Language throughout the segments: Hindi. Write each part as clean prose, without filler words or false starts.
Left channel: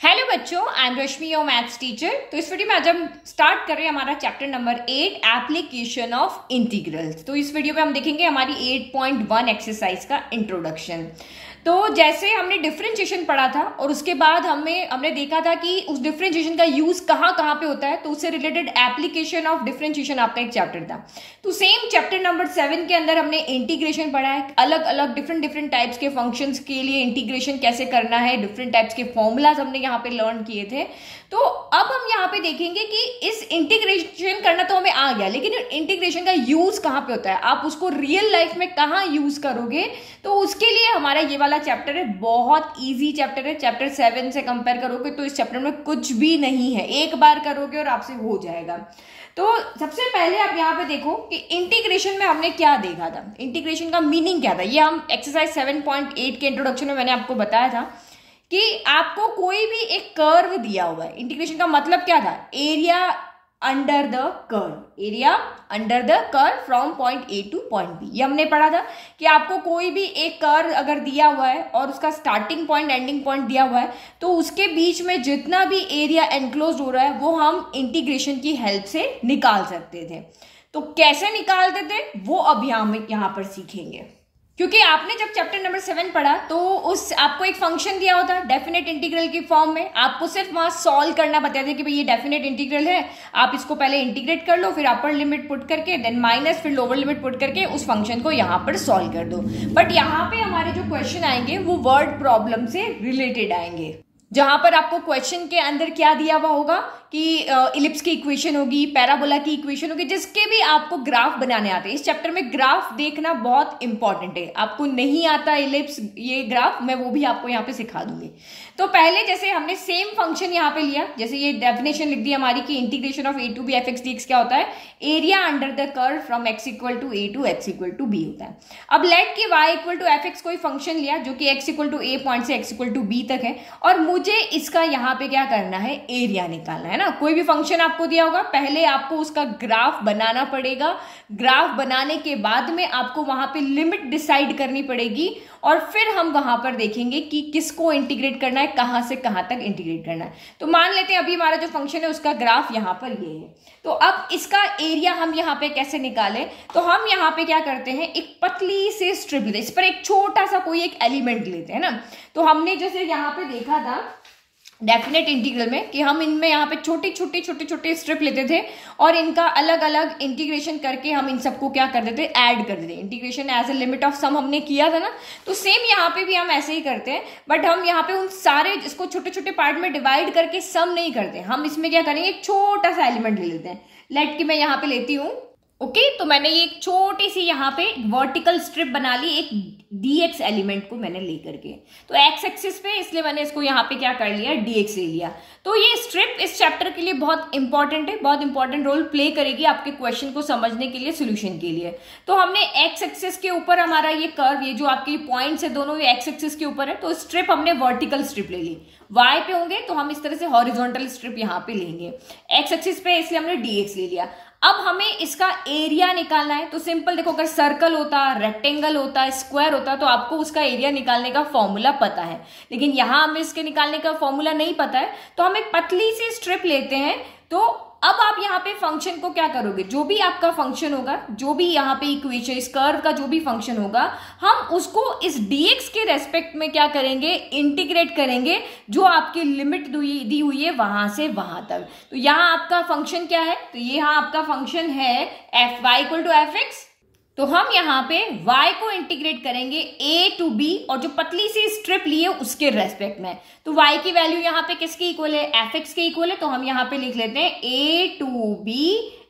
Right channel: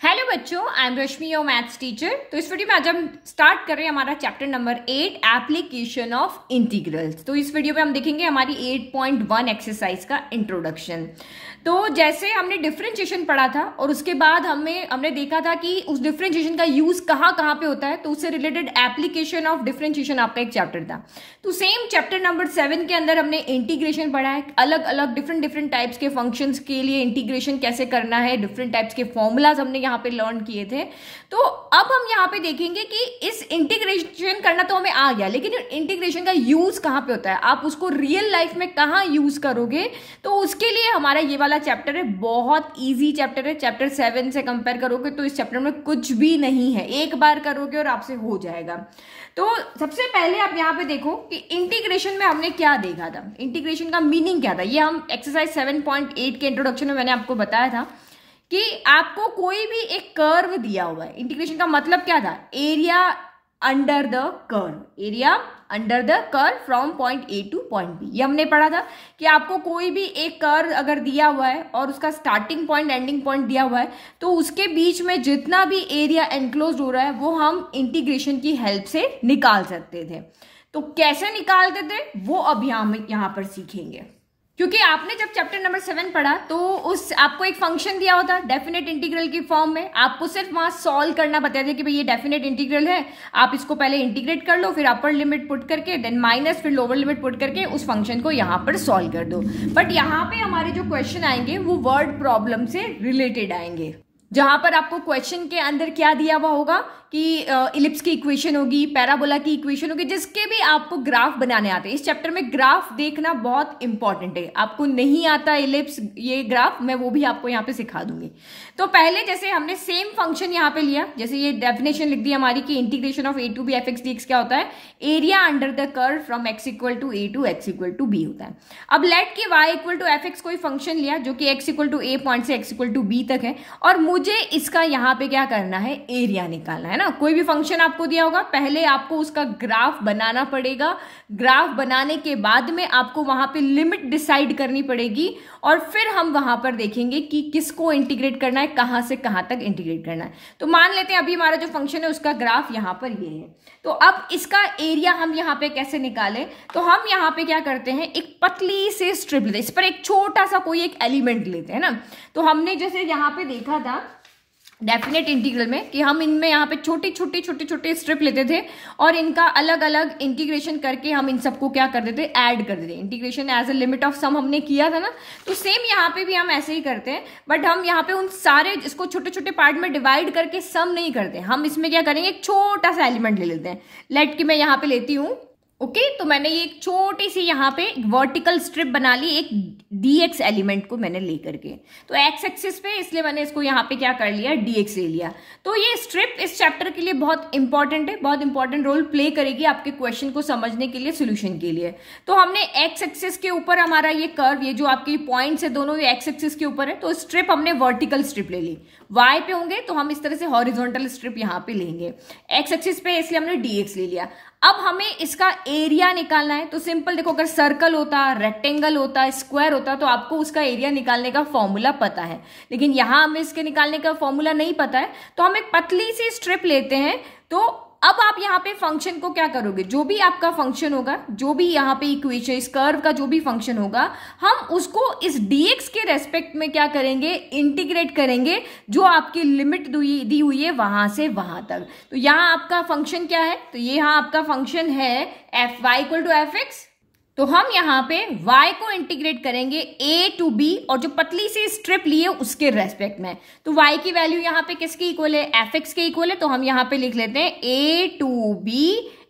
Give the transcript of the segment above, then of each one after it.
हेलो बच्चों, I am Rashmi, your maths teacher. तो इस वीडियो में आज हम स्टार्ट कर रहे हैं हमारा chapter number 8 application of integrals. तो इस वीडियो में हम देखेंगे हमारी 8.1 एक्सरसाइज का इंट्रोडक्शन। तो जैसे हमने डिफरेंशिएशन पढ़ा था और उसके बाद हमने देखा था कि उस डिफरेंशिएशन का यूज कहाँ कहाँ पे होता है, तो उससे रिलेटेड एप्लीकेशन ऑफ डिफरेंशिएशन आपका एक चैप्टर था। तो सेम चैप्टर नंबर 7 के अंदर हमने इंटीग्रेशन पढ़ा है, अलग अलग डिफरेंट टाइप्स के फंक्शंस के लिए इंटीग्रेशन कैसे करना है, डिफरेंट टाइप्स के फॉर्मूलाज हमने यहाँ पे लर्न किए थे। तो अब हम यहाँ पे देखेंगे कि इस इंटीग्रेशन करना तो हमें आ गया, लेकिन इंटीग्रेशन का यूज कहाँ पे होता है, आप उसको रियल लाइफ में कहाँ यूज करोगे। तो उसके लिए हमारा ये वाला चैप्टर है, बहुत इजी चैप्टर है। चैप्टर 7 से कंपेयर करोगे तो इस चैप्टर में कुछ भी नहीं है, एक बार करोगे और आपसे हो जाएगा। तो सबसे पहले आप यहाँ पे देखो कि इंटीग्रेशन में हमने क्या देखा था, इंटीग्रेशन का मीनिंग क्या था। ये हम एक्सरसाइज 7.8 के इंट्रोडक्शन में मैंने आपको बताया था कि आपको कोई भी एक कर्व दिया हुआ है। इंटीग्रेशन का मतलब क्या था, area under the curve, area under the curve from point A to point B. ये हमने पढ़ा था कि आपको कोई भी एक कर्व अगर दिया हुआ है और उसका स्टार्टिंग पॉइंट एंडिंग पॉइंट दिया हुआ है, तो उसके बीच में जितना भी एरिया एनक्लोज हो रहा है वो हम इंटीग्रेशन की हेल्प से निकाल सकते थे। तो कैसे निकालते थे वो अभी हम यहाँ पर सीखेंगे, क्योंकि आपने जब चैप्टर नंबर 7 पढ़ा तो उस आपको एक फंक्शन दिया होता डेफिनेट इंटीग्रल की फॉर्म में, आपको सिर्फ वहां सॉल्व करना बताया था कि भाई ये डेफिनेट इंटीग्रल है, आप इसको पहले इंटीग्रेट कर लो, फिर अपर लिमिट पुट करके देन माइनस, फिर लोअर लिमिट पुट करके उस फंक्शन को यहाँ पर सॉल्व कर दो। बट यहाँ पे हमारे जो क्वेश्चन आएंगे वो वर्ड प्रॉब्लम से रिलेटेड आएंगे, जहां पर आपको क्वेश्चन के अंदर क्या दिया हुआ होगा कि इलिप्स की इक्वेशन होगी, पैराबोला की इक्वेशन होगी, जिसके भी आपको ग्राफ बनाने आते हैं। इस चैप्टर में ग्राफ देखना बहुत इंपॉर्टेंट है। आपको नहीं आता इलिप्स ये ग्राफ, मैं वो भी आपको यहाँ पे सिखा दूंगी। तो पहले जैसे हमने सेम फंक्शन यहाँ पे लिया, जैसे ये डेफिनेशन लिख दी हमारी कि integration of a to b f x d x क्या होता है, area under the curve from x equal to a to x equal to b होता है। अब लेट की y equal to f x कोई फंक्शन लिया जो कि x equal to a point से एक्स इक्वल टू बी तक है, और मुझे इसका यहाँ पे क्या करना है, एरिया निकालना है ना। कोई भी फंक्शन आपको दिया होगा, पहले आपको उसका ग्राफ बनाना पड़ेगा, ग्राफ बनाने के बाद में आपको वहां पे लिमिट डिसाइड करनी पड़ेगी, और फिर हम वहां पर देखेंगे कि किसको इंटीग्रेट करना है, कहां से कहां तक इंटीग्रेट करना है। तो मान लेते हैं अभी हमारा जो फंक्शन है उसका ग्राफ यहां पर ये है। तो अब इसका एरिया हम यहाँ पे कैसे निकालें, तो हम यहाँ पे क्या करते हैं, एक पतली से स्ट्रिप लेते हैं, इस पर एक छोटा सा कोई एक एलिमेंट लेते हैं ना। तो हमने जैसे यहाँ पे देखा था डेफिनेट इंटीग्रल में कि हम इनमें यहाँ पे छोटे छोटे स्ट्रिप लेते थे और इनका अलग अलग इंटीग्रेशन करके हम इन सबको क्या कर देते, ऐड कर देते। Integration as a limit of sum हमने किया था ना, तो सेम यहाँ पे भी हम ऐसे ही करते हैं। बट हम यहाँ पे उन सारे इसको छोटे छोटे पार्ट में डिवाइड करके सम नहीं करते, हम इसमें क्या करेंगे, एक छोटा सा एलिमेंट ले लेते हैं। लेट कि मैं यहाँ पे लेती हूँ, ओके तो मैंने ये एक छोटी सी यहाँ पे वर्टिकल स्ट्रिप बना ली, एक dx एलिमेंट को मैंने लेकर के, तो x एक्सिस पे, इसलिए मैंने इसको यहाँ पे क्या कर लिया, dx ले लिया। तो ये स्ट्रिप इस चैप्टर के लिए बहुत इंपॉर्टेंट है, बहुत इंपॉर्टेंट रोल प्ले करेगी आपके क्वेश्चन को समझने के लिए, सोल्यूशन के लिए। तो हमने x एक्सिस के ऊपर हमारा ये कर्व, ये जो आपके पॉइंट्स है दोनों ये x एक्सिस के ऊपर है, तो स्ट्रिप हमने वर्टिकल स्ट्रिप ले ली। y पे होंगे तो हम इस तरह से हॉरिजॉन्टल स्ट्रिप यहाँ पे लेंगे, x एक्सिस पे इसलिए हमने dx ले लिया। अब हमें इसका एरिया निकालना है, तो सिंपल देखो, अगर सर्कल होता, रेक्टेंगल होता, स्क्वायर होता, तो आपको उसका एरिया निकालने का फॉर्मूला पता है, लेकिन यहां हमें इसके निकालने का फॉर्मूला नहीं पता है। तो हम एक पतली सी स्ट्रिप लेते हैं। तो अब आप यहाँ पे फंक्शन को क्या करोगे, जो भी आपका फंक्शन होगा, जो भी यहाँ पे इक्वेशन, इस कर्व का जो भी फंक्शन होगा, हम उसको इस dx के रेस्पेक्ट में क्या करेंगे, इंटीग्रेट करेंगे, जो आपकी लिमिट दी हुई है वहां से वहां तक। तो यहाँ आपका फंक्शन क्या है, तो ये यहाँ आपका फंक्शन है f y equal to f x. तो हम यहाँ पे y को इंटीग्रेट करेंगे a टू b, और जो पतली सी स्ट्रिप लिए उसके रेस्पेक्ट में। तो y की वैल्यू यहाँ पे किसके इक्वल है, fx के इक्वल है, तो हम यहाँ पे लिख लेते हैं a to b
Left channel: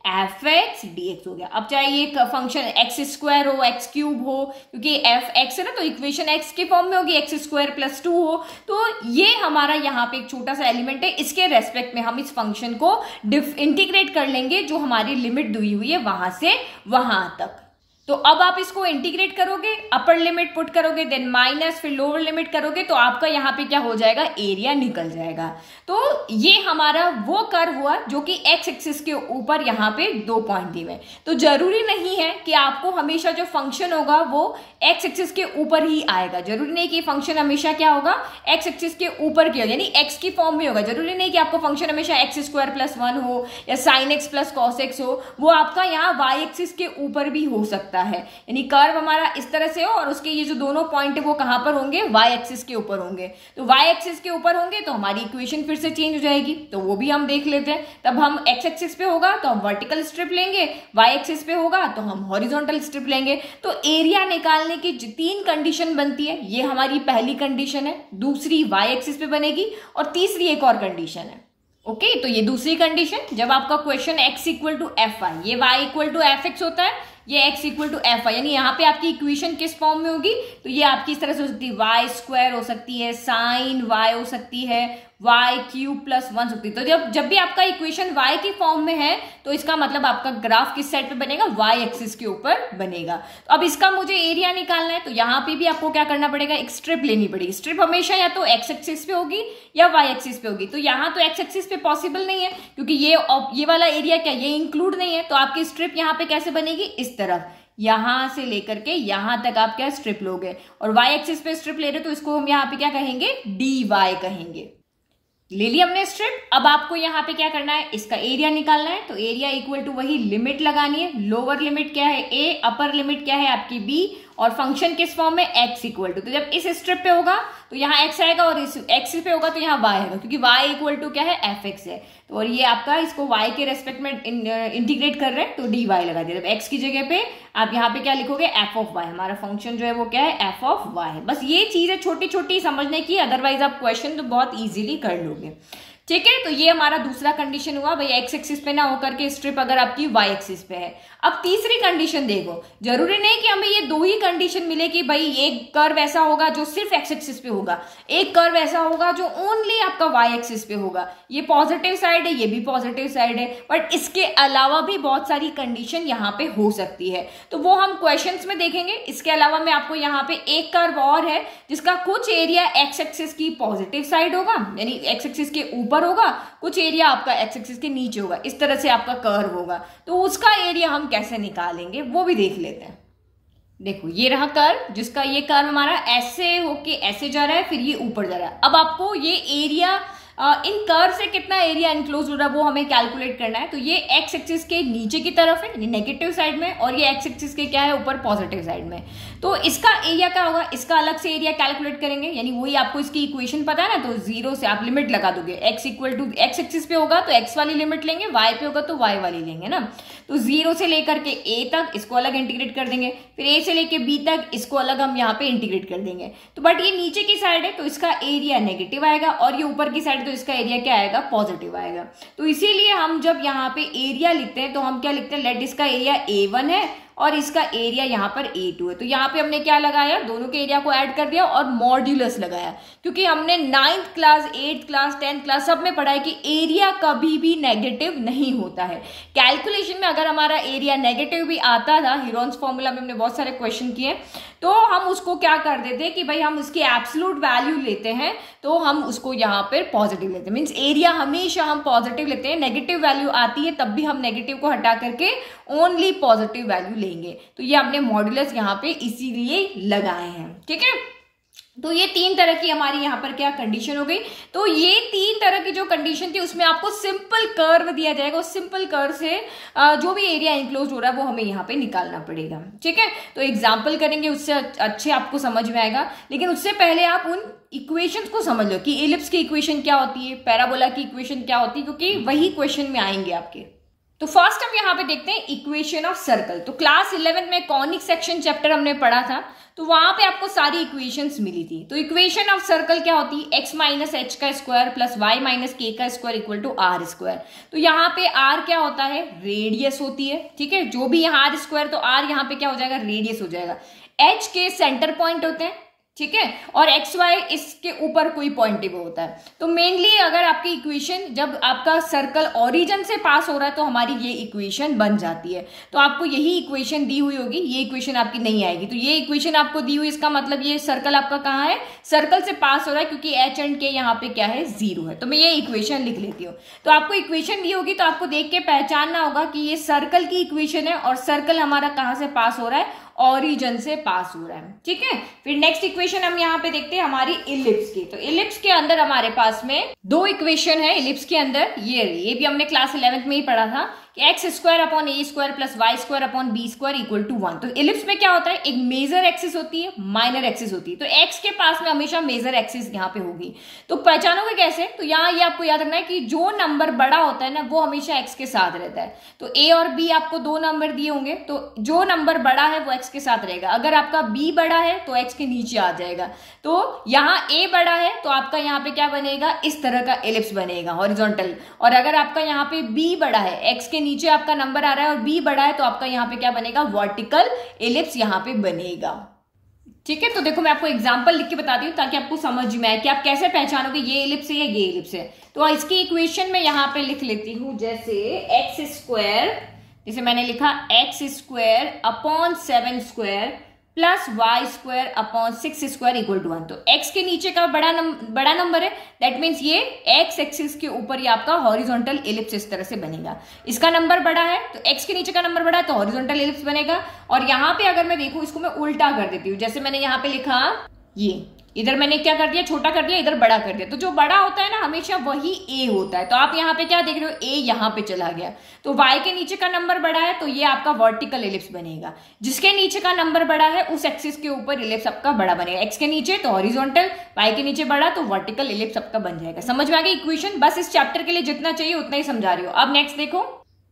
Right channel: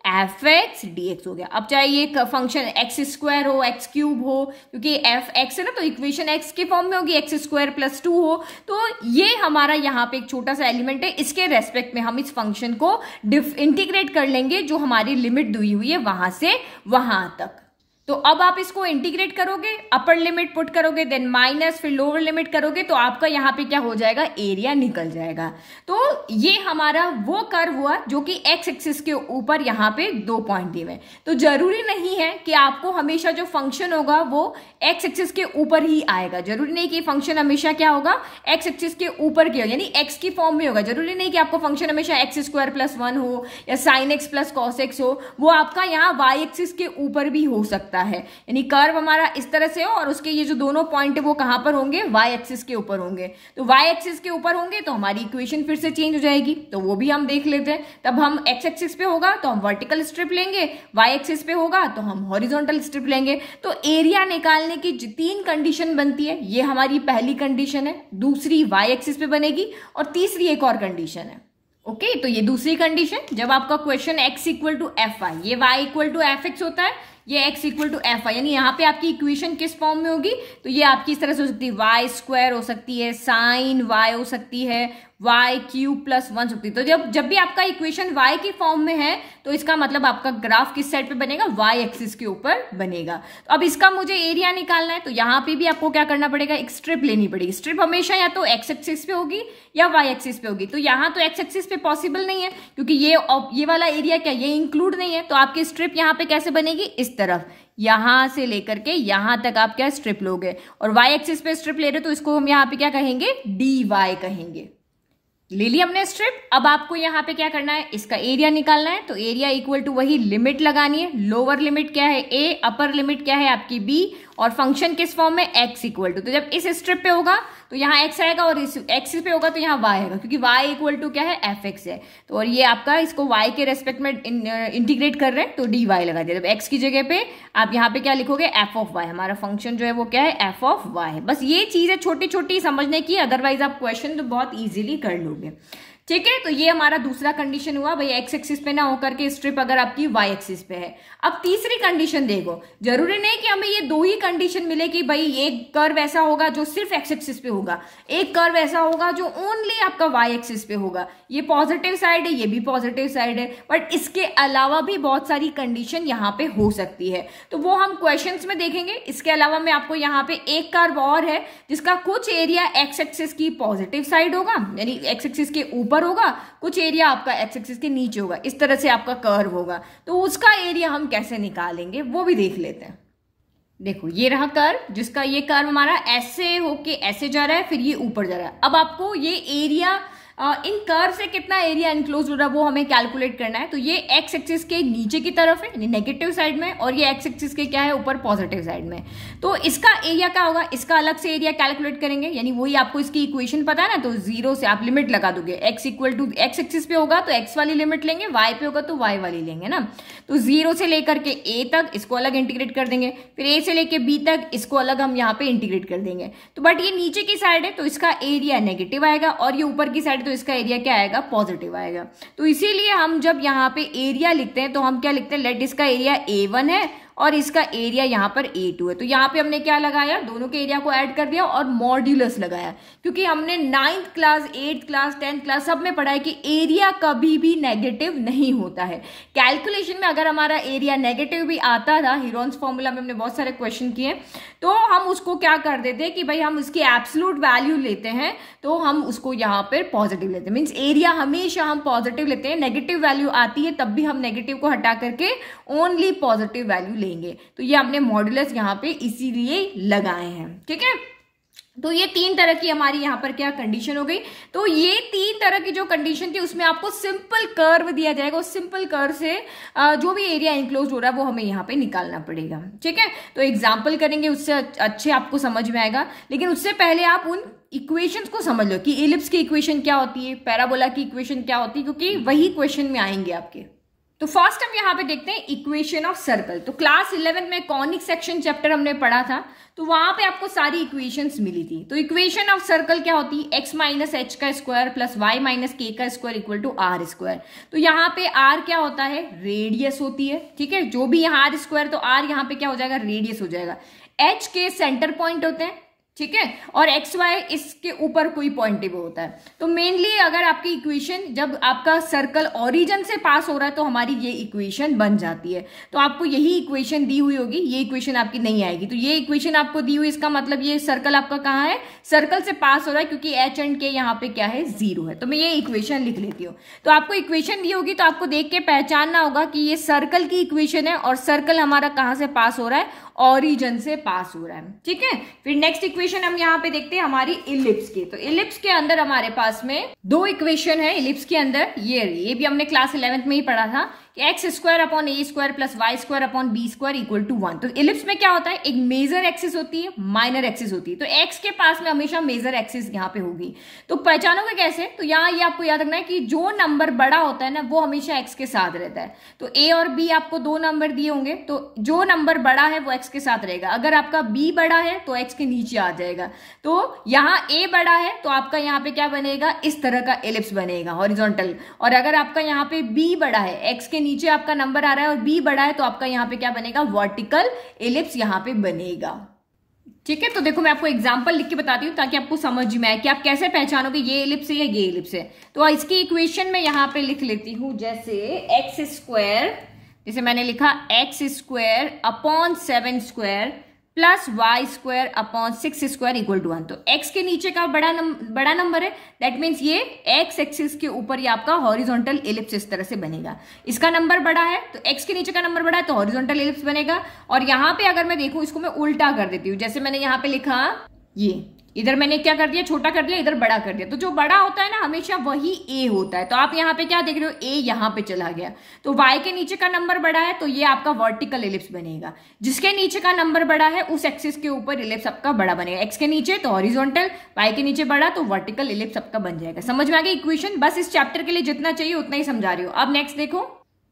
fx dx हो गया। अब चाहे ये फंक्शन एक्स स्क्वायर हो, एक्स क्यूब हो, क्योंकि एफ एक्स है ना, तो इक्वेशन एक्स के फॉर्म में होगी, एक्स स्क्वायर प्लस 2 हो, तो ये हमारा यहाँ पे एक छोटा सा एलिमेंट है, इसके रेस्पेक्ट में हम इस फंक्शन को इंटीग्रेट कर लेंगे, जो हमारी लिमिट दी हुई है वहां से वहां तक। तो अब आप इसको इंटीग्रेट करोगे, अपर लिमिट पुट करोगे, देन माइनस, फिर लोअर लिमिट करोगे, तो आपका यहाँ पे क्या हो जाएगा, एरिया निकल जाएगा। तो ये हमारा वो कर्व हुआ जो कि एक्स एक्सिस के ऊपर यहाँ पे 2 पॉइंट दिए हुए। तो जरूरी नहीं है कि आपको हमेशा जो फंक्शन होगा वो एक्स एक्सिस के ऊपर ही आएगा। जरूरी नहीं कि फंक्शन हमेशा क्या होगा, एक्स एक्सिस के ऊपर की होगा, यानी एक्स की फॉर्म में होगा। जरूरी नहीं कि आपको फंक्शन हमेशा एक्स स्क्वायर प्लस 1 हो या sine x plus cos x हो, वो आपका यहाँ वाई एक्सिस के ऊपर भी हो सकता है। यानी कर्व हमारा इस तरह से हो और उसके ये जो दोनों पॉइंट है वो कहां पर होंगे, वाई एक्सिस के ऊपर होंगे। तो वाई एक्सिस के ऊपर होंगे तो हमारी इक्वेशन फिर से चेंज हो जाएगी, तो वो भी हम देख लेते हैं। तब हम एक्स एक्सिस पे होगा तो हम वर्टिकल स्ट्रिप लेंगे, वाई एक्सिस पे होगा तो हम हॉरिजॉन्टल स्ट्रिप लेंगे। तो एरिया निकालने की 3 कंडीशन बनती है, ये हमारी पहली कंडीशन है, दूसरी वाई एक्सिस पे बनेगी और तीसरी एक और कंडीशन है। ओके, तो ये दूसरी कंडीशन, जब आपका question x equal to f y, ये y equal to f x होता है, ये x equal to f y, यानी यहाँ पे आपकी इक्वेशन किस फॉर्म में होगी, तो ये आपकी इस तरह से हो सकती है, वाई स्क्वायर हो सकती है, साइन वाई हो सकती है, वाई क्यूब प्लस 1 सकती है। तो जब भी आपका इक्वेशन y की फॉर्म में है तो इसका मतलब आपका ग्राफ किस साइड पे बनेगा, y एक्सिस के ऊपर बनेगा। तो अब इसका मुझे एरिया निकालना है, तो यहाँ पे भी आपको क्या करना पड़ेगा, एक स्ट्रिप लेनी पड़ेगी। स्ट्रिप हमेशा या तो x एक्सिस पे होगी या y एक्सिस पे होगी। तो यहाँ तो x एक्सिस पे पॉसिबल नहीं है क्योंकि ये वाला एरिया क्या, ये इंक्लूड नहीं है। तो आपकी स्ट्रिप यहाँ पे कैसे बनेगी, इस तरफ, यहां से लेकर के यहां तक आप क्या स्ट्रिप लोगे, और y एक्सिस पे स्ट्रिप ले रहे हो तो इसको हम यहाँ पे क्या कहेंगे, dy कहेंगे। ले ली हमने स्ट्रिप। अब आपको यहाँ पे क्या करना है, इसका एरिया निकालना है। तो एरिया इक्वल टू वही लिमिट लगानी है, लोअर लिमिट क्या है a, अपर लिमिट क्या है आपकी b, और फंक्शन किस फॉर्म में, x इक्वल टू, तो जब इस स्ट्रिप पे होगा तो यहाँ x आएगा और इस x पे होगा तो यहाँ y आएगा, क्योंकि y इक्वल टू क्या है, एफ एक्स है। तो और ये आपका इसको y के रेस्पेक्ट में इंटीग्रेट कर रहे हैं तो dy लगा दिया। जब x की जगह पे आप यहाँ पे क्या लिखोगे, एफ ऑफ y, हमारा फंक्शन जो है वो क्या है, एफ ऑफ y है। बस ये चीज है छोटी छोटी समझने की, अदरवाइज आप क्वेश्चन तो बहुत इजीली कर लोगे। ठीक है, तो ये हमारा दूसरा कंडीशन हुआ, भाई एक्स एक्सिस पे ना होकर के स्ट्रिप अगर आपकी वाई एक्सिस पे है। अब तीसरी कंडीशन देखो, जरूरी नहीं कि हमें ये 2 ही कंडीशन मिले कि भाई एक कर्व ऐसा होगा जो सिर्फ एक्स एक्सिस पे होगा, एक कर्व ऐसा होगा जो ओनली आपका वाई एक्सिस पे होगा। ये पॉजिटिव साइड है, ये भी पॉजिटिव साइड है, बट इसके अलावा भी बहुत सारी कंडीशन यहाँ पे हो सकती है, तो वो हम क्वेश्चंस में देखेंगे। इसके अलावा मैं आपको यहाँ पे एक कर्व और है जिसका कुछ एरिया एक्स एक्सिस की पॉजिटिव साइड होगा, यानी एक्स एक्सिस के ऊपर होगा, कुछ एरिया आपका एक्स एक्सिस के नीचे होगा, इस तरह से आपका कर्व होगा। तो उसका एरिया हम कैसे निकालेंगे वो भी देख लेते हैं। देखो ये रहा कर्व, जिसका ये कर्व हमारा ऐसे होके ऐसे जा रहा है, फिर ये ऊपर जा रहा है। अब आपको ये एरिया इन कर्व से कितना एरिया इनक्लोज हो रहा है वो हमें कैलकुलेट करना है। तो ये एक्स एक्सिस के नीचे की तरफ है, यानी नेगेटिव साइड में, और ये एक्स एक्सिस के क्या है, ऊपर पॉजिटिव साइड में। तो इसका एरिया क्या होगा, इसका अलग से एरिया कैलकुलेट करेंगे, यानी वही आपको इसकी इक्वेशन पता है ना, तो 0 से आप लिमिट लगा दोगे। X equal to x axis पे होगा तो एक्स वाली लिमिट लेंगे, वाई पे होगा तो वाई वाली लेंगे ना। तो 0 से लेकर के a तक इसको अलग इंटीग्रेट कर देंगे, फिर a से लेकर b तक इसको अलग हम यहाँ पे इंटीग्रेट कर देंगे। तो बट ये नीचे की साइड है तो इसका एरिया नेगेटिव आएगा, और ये ऊपर की साइड तो इसका एरिया क्या आएगा, पॉजिटिव आएगा। तो इसीलिए हम जब यहाँ पे एरिया लिखते हैं तो हम क्या लिखते हैं, लेट इसका एरिया a1 है और इसका एरिया यहाँ पर a2 है। तो यहाँ पे हमने क्या लगाया, दोनों के एरिया को ऐड कर दिया और मॉड्यूलस लगाया, क्योंकि हमने 9th class 8th class 10th class सब में पढ़ा है कि एरिया कभी भी नेगेटिव नहीं होता है। कैलकुलेशन में अगर हमारा एरिया नेगेटिव भी आता था, हीरोन्स फॉर्मूला में हमने बहुत सारे क्वेश्चन किए, तो हम उसको क्या कर देते हैं कि भाई हम उसकी एब्सोल्यूट वैल्यू लेते हैं, तो हम उसको यहाँ पर पॉजिटिव लेते हैं। मीन्स एरिया हमेशा हम पॉजिटिव लेते हैं, नेगेटिव वैल्यू आती है तब भी हम नेगेटिव को हटा करके ओनली पॉजिटिव वैल्यू लेंगे। तो ये हमने मॉड्यूलस यहाँ पे इसीलिए लगाए हैं। ठीक है, तो ये 3 तरह की हमारी यहाँ पर क्या कंडीशन हो गई। तो ये 3 तरह की जो कंडीशन थी उसमें आपको सिंपल कर्व दिया जाएगा, उस सिंपल कर्व से जो भी एरिया इनक्लोज हो रहा है वो हमें यहाँ पे निकालना पड़ेगा। ठीक है, तो एग्जाम्पल करेंगे, उससे अच्छे आपको समझ में आएगा। लेकिन उससे पहले आप उन इक्वेशंस को समझ लो कि एलिप्स की इक्वेशन क्या होती है, पैराबोला की इक्वेशन क्या होती है, क्योंकि वही क्वेश्चन में आएंगे आपके। तो फर्स्ट हम यहाँ पे देखते हैं इक्वेशन ऑफ सर्कल। तो क्लास 11 में कॉनिक सेक्शन चैप्टर हमने पढ़ा था, तो वहां पे आपको सारी इक्वेशंस मिली थी। तो इक्वेशन ऑफ सर्कल क्या होती है, x माइनस एच का square plus y minus k का square equal to r square. तो यहाँ पे r क्या होता है, रेडियस होती है। ठीक है, जो भी यहाँ r स्क्वायर, तो r यहाँ पे क्या हो जाएगा, रेडियस हो जाएगा। h के सेंटर पॉइंट होते हैं। ठीक है, और एक्स वाई इसके ऊपर कोई पॉइंटेबल होता है। तो मेनली अगर आपकी इक्वेशन, जब आपका सर्कल ओरिजिन से पास हो रहा है तो हमारी ये इक्वेशन बन जाती है। तो आपको यही इक्वेशन दी हुई होगी, ये इक्वेशन आपकी नहीं आएगी। तो ये इक्वेशन आपको दी हुई, इसका मतलब ये सर्कल आपका कहाँ है, सर्कल से पास हो रहा है, क्योंकि एच एंड के यहाँ पे क्या है, 0 है। तो मैं ये इक्वेशन लिख लेती हूँ। तो आपको इक्वेशन दी होगी तो आपको देख के पहचानना होगा कि ये सर्कल की इक्वेशन है और सर्कल हमारा कहाँ से पास हो रहा है, ओरिजिन से पास हो रहा है। ठीक है, फिर नेक्स्ट इक्वेशन हम यहाँ पे देखते हैं हमारी इलिप्स की। तो इलिप्स के अंदर हमारे पास में 2 इक्वेशन है इलिप्स के अंदर। ये भी हमने क्लास 11th में ही पढ़ा था कि x square upon a square plus y square upon b square equal to 1। तो इलिप्स में क्या होता है, एक मेजर एक्सिस होती है, माइनर एक्सिस होती है। तो एक्स के पास में हमेशा मेजर एक्सिस यहाँ पे होगी। तो पहचानोगे कैसे, तो यहाँ ये आपको याद रखना है कि जो नंबर बड़ा होता है ना वो हमेशा एक्स के साथ रहता है। तो ए और बी आपको 2 नंबर दिए होंगे, तो जो नंबर बड़ा है वो एक्स के साथ रहेगा। अगर आपका बी बड़ा है तो एक्स के नीचे आ जाएगा। तो यहाँ ए बड़ा है तो आपका यहाँ पे क्या बनेगा, इस तरह का एलिप्स बनेगा हॉरिजॉन्टल। और अगर आपका यहाँ पे बी बड़ा है, एक्स के नीचे आपका नंबर आ रहा है और बी बड़ा है, तो आपका यहाँ पे क्या बनेगा, वर्टिकल एलिप्स यहाँ पे बनेगा। ठीक है, तो देखो मैं आपको एग्जांपल लिख के बताती हूँ ताकि आपको समझ में आए कि आप कैसे पहचानोगे ये एलिप्स है या ये एलिप्स है। तो इसकी इक्वेशन में यहाँ पे लिख लेती हूँ, जैसे एक्स स्क्वायर, जैसे मैंने लिखा x square upon 7 square plus y square upon 6 square equal to 1। तो एक्स के नीचे का बड़ा नंबर है, दैट मीन्स ये एक्स एक्सिस के ऊपर ये आपका हॉरिजॉन्टल एलिप्स इस तरह से बनेगा। इसका नंबर बड़ा है तो एक्स के नीचे का नंबर बड़ा है तो हॉरिजॉन्टल एलिप्स बनेगा। और यहाँ पे अगर मैं देखूं, इसको मैं उल्टा कर देती हूँ। जैसे मैंने यहाँ पे लिखा, ये इधर मैंने क्या कर दिया, छोटा कर दिया, इधर बड़ा कर दिया। तो जो बड़ा होता है ना हमेशा वही ए होता है। तो आप यहाँ पे क्या देख रहे हो, ए यहाँ पे चला गया। तो वाई के नीचे का नंबर बड़ा है तो ये आपका वर्टिकल एलिप्स बनेगा। जिसके नीचे का नंबर बड़ा है उस एक्सिस के ऊपर एलिप्स आपका बड़ा बनेगा। एक्स के नीचे तो हॉरिजॉन्टल, वाई के नीचे बड़ा तो वर्टिकल एलिप्स आपका बन जाएगा। समझ में आ गई इक्वेशन? बस इस चैप्टर के लिए जितना चाहिए उतना ही समझा रही हो। अब नेक्स्ट देखो,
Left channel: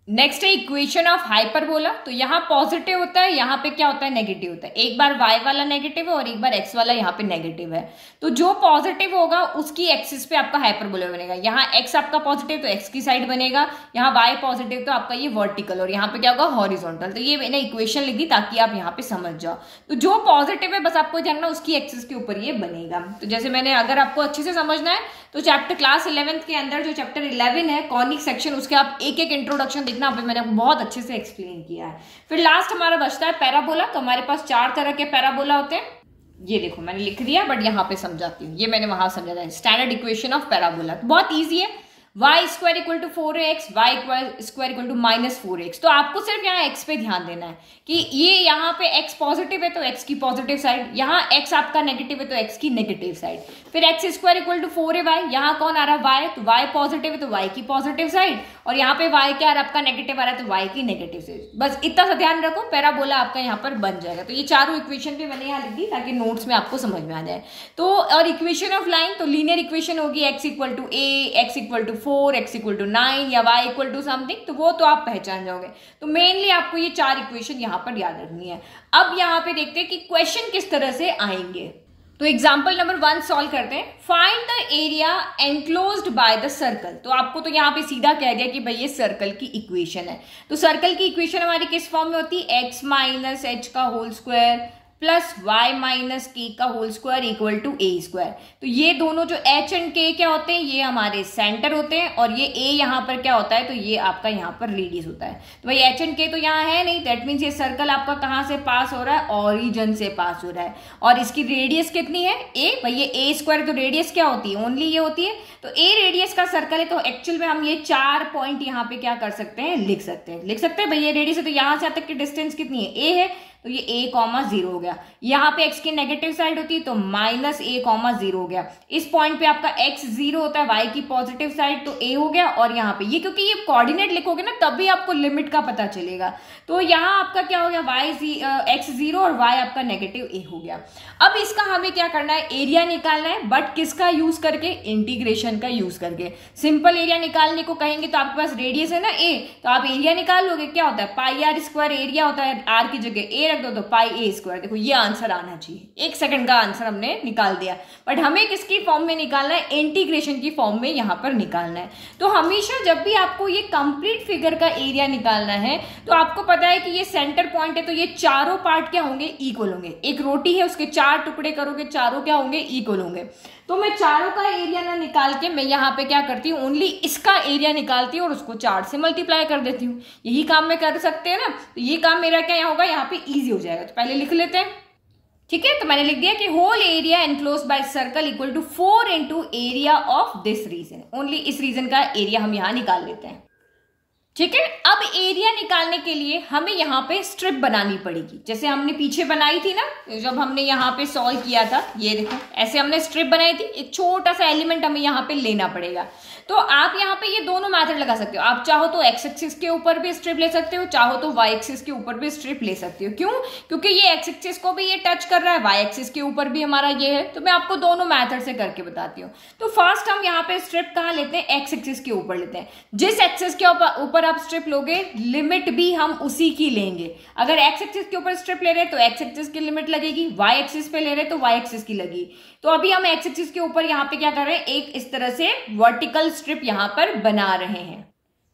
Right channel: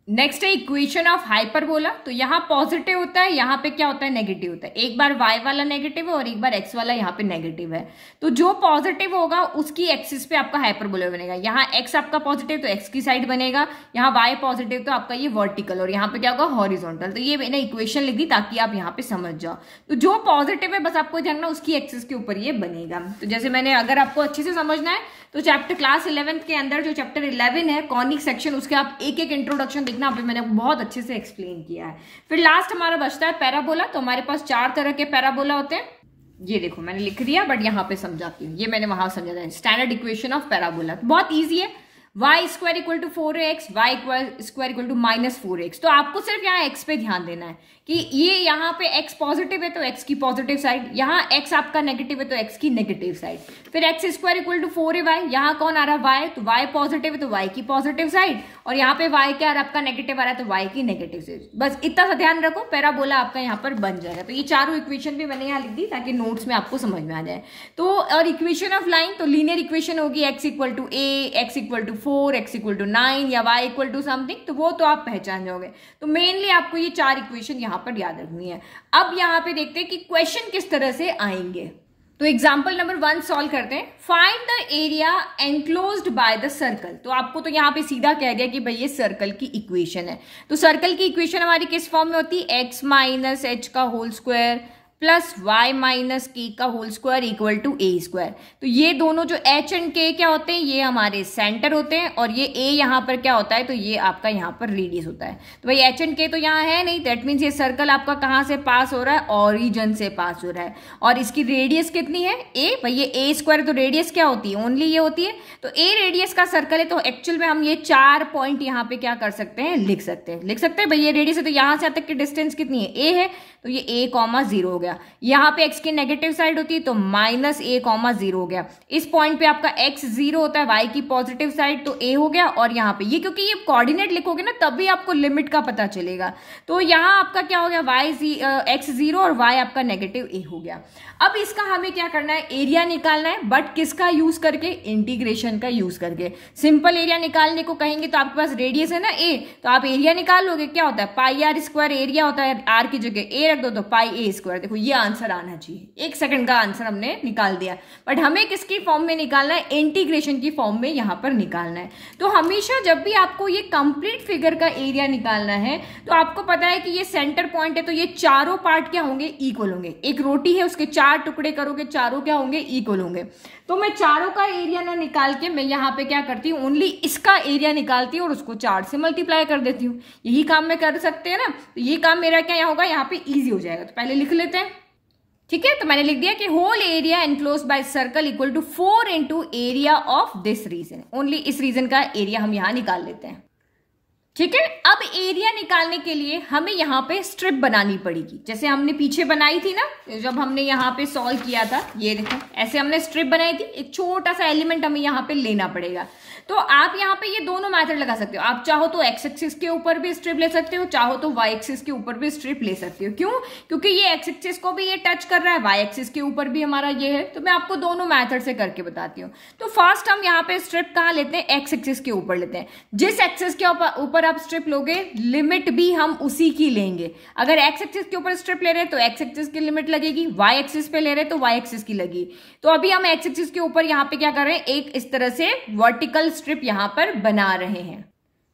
नेक्स्ट है इक्वेशन ऑफ हाइपरबोला। तो यहाँ पॉजिटिव होता है, यहाँ पे क्या होता है, नेगेटिव होता है। एक बार y वाला नेगेटिव है और एक बार x वाला यहाँ पे नेगेटिव है। तो जो पॉजिटिव होगा उसकी एक्सिस पे आपका हाइपरबोला बनेगा। यहाँ x आपका पॉजिटिव तो x की साइड बनेगा, यहाँ y पॉजिटिव तो आपका ये वर्टिकल, और यहाँ पे क्या होगा, हॉरिजॉन्टल। तो ये मैंने इक्वेशन लिख दी ताकि आप यहाँ पे समझ जाओ। तो जो पॉजिटिव है बस आपको जानना उसकी एक्सिस के ऊपर ये बनेगा। तो जैसे मैंने, अगर आपको अच्छे से समझना है तो चैप्टर क्लास 11th के अंदर जो चैप्टर 11 है कॉनिक सेक्शन, उसके आप एक एक इंट्रोडक्शन देखना, मैंने बहुत अच्छे से एक्सप्लेन किया है। फिर लास्ट हमारा बचता है पैराबोला। तो हमारे पास 4 तरह के पैराबोला होते हैं। ये देखो मैंने लिख दिया बट यहाँ पे समझाती हूँ, ये मैंने वहां समझा था। स्टैंडर्ड इक्वेशन ऑफ पैराबोला बहुत ईजी है। y square equal to 4x, y square equal to -4x। तो आपको सिर्फ यहाँ x पे ध्यान देना है कि ये यहाँ पे x पॉजिटिव है तो x की पॉजिटिव साइड, यहाँ x आपका नेगेटिव है तो x की नेगेटिव साइड। फिर x square equal to 4y, यहाँ कौन आ रहा है, y, तो y पॉजिटिव है तो y की पॉजिटिव साइड, और यहाँ पे y क्या आ रहा है, आपका नेगेटिव आ रहा है तो y की नेगेटिव साइड। बस इतना सा ध्यान रखो, पैराबोला आपका यहाँ पर बन जाएगा। तो ये चारों इक्वेशन भी मैंने यहाँ लिख दी ताकि नोट्स में आपको समझ में आ जाए। तो और इक्वेशन ऑफ लाइन, तो लीनियर इक्वेशन होगी x equal to a, x equal to 4, x equal to 9 या y इक्वल टू समथिंग, तो वो तो आप पहचान जाओगे। तो मेनली आपको ये 4 इक्वेशन यहाँ पर याद रखनी है। अब यहाँ पे देखते हैं कि क्वेश्चन किस तरह से आएंगे। तो एग्जाम्पल नंबर 1 सॉल्व करते हैं। Find the area enclosed by the circle. तो आपको तो यहाँ पे सीधा कह दिया कि भाई ये सर्कल की इक्वेशन है। तो सर्कल की इक्वेशन हमारी किस फॉर्म में होती है, x माइनस एच का whole square plus y minus k का whole square equal to a square. तो ये दोनों जो h एंड k क्या होते हैं, ये हमारे सेंटर होते हैं, और ये a यहाँ पर क्या होता है, तो ये आपका यहाँ पर रेडियस होता है। तो भाई h एंड k तो यहाँ है नहीं, दैट मीन्स ये सर्कल आपका कहाँ से पास हो रहा है, ओरिजिन से पास हो रहा है। और इसकी रेडियस कितनी है, a। भाई ये a स्क्वायर, तो रेडियस क्या होती है, ओनली ये होती है। तो a रेडियस का सर्कल है, तो एक्चुअल में हम ये 4 पॉइंट यहाँ पे क्या कर सकते हैं, लिख सकते हैं। भाई ये रेडियस है तो यहाँ से तक की डिस्टेंस कितनी है, a है, तो ये a,0 हो गया। यहाँ पे x की नेगेटिव साइड होती है तो -a,0 हो गया। इस पॉइंट पे आपका x 0 होता है, y की पॉजिटिव साइड तो a हो गया। और यहाँ पे ये, क्योंकि ये कोऑर्डिनेट लिखोगे ना तभी आपको लिमिट का पता चलेगा। तो यहाँ आपका क्या हो गया, x 0 और y आपका नेगेटिव a हो गया। अब इसका हमें क्या करना है, एरिया निकालना है, बट किसका यूज करके, इंटीग्रेशन का यूज करके। सिंपल एरिया निकालने को कहेंगे तो आपके पास रेडियस है ना a, तो आप एरिया निकाल लोगे, क्या होता है पाई आर स्क्वायर एरिया होता है, r की जगह a रख दो तो पाई a स्क्वायर। देखो ये आंसर आना चाहिए, 1 सेकंड का आंसर हमने निकाल दिया। बट हमें किसकी फॉर्म में निकालना है, इंटीग्रेशन की फॉर्म में यहाँ पर निकालना है। तो हमेशा जब भी आपको ये कंप्लीट फिगर का एरिया निकालना है तो आपको पता है कि ये सेंटर पॉइंट है, तो ये चारों पार्ट क्या होंगे, इक्वल होंगे। एक रोटी है उसके 4 4 टुकड़े करोगे, चारों क्या होंगे, इक्वल होंगे। तो मैं चारों का एरिया ना निकाल के मैं यहाँ पे क्या करती हूँ, ओनली इसका एरिया निकालती हूँ और उसको 4 से मल्टीप्लाई कर देती हूँ। यही काम मैं कर सकते हैं ना, तो ये काम मेरा क्या होगा, यहाँ पे ईजी हो जाएगा। तो पहले लिख लेते हैं, ठीक है। तो मैंने लिख दिया कि whole area enclose by circle equal to 4 into area of this region. Only इस रीजन का एरिया हम यहां निकाल लेते हैं, ठीक है। अब एरिया निकालने के लिए हमें यहाँ पे स्ट्रिप बनानी पड़ेगी, जैसे हमने पीछे बनाई थी ना, जब हमने यहाँ पे सॉल्व किया था। ये देखो ऐसे हमने स्ट्रिप बनाई थी, एक छोटा सा एलिमेंट हमें यहाँ पे लेना पड़ेगा। तो आप यहाँ पे ये दोनों मेथड लगा सकते हो। आप चाहो तो एक्स एक्सिस के ऊपर भी स्ट्रिप ले सकते हो, चाहो तो वाई एक्सिस के ऊपर भी स्ट्रिप ले सकते हो। क्यों? क्योंकि ये एक्स एक्सिस को भी ये टच कर रहा है, वाई एक्सिस के ऊपर भी हमारा ये है। तो मैं आपको दोनों मेथड से करके बताती हूँ। तो फर्स्ट हम यहाँ पे स्ट्रिप कहाँ लेते हैं, एक्स एक्सिस के ऊपर लेते हैं। जिस एक्सिस के ऊपर आप स्ट्रिप लोगे, लिमिट भी हम उसी की लेंगे। अगर एक्स एक्सिस के ऊपर स्ट्रिप ले रहे हैं तो एक्स एक्सिस की लिमिट लगेगी, वाई एक्सिस पे ले रहे हैं तो वाई एक्सिस की लगी। तो अभी हम एक्स एक्सिस के ऊपर यहाँ पे क्या कर रहे हैं, एक इस तरह से वर्टिकल स्ट्रिप यहाँ पर बना रहे हैं,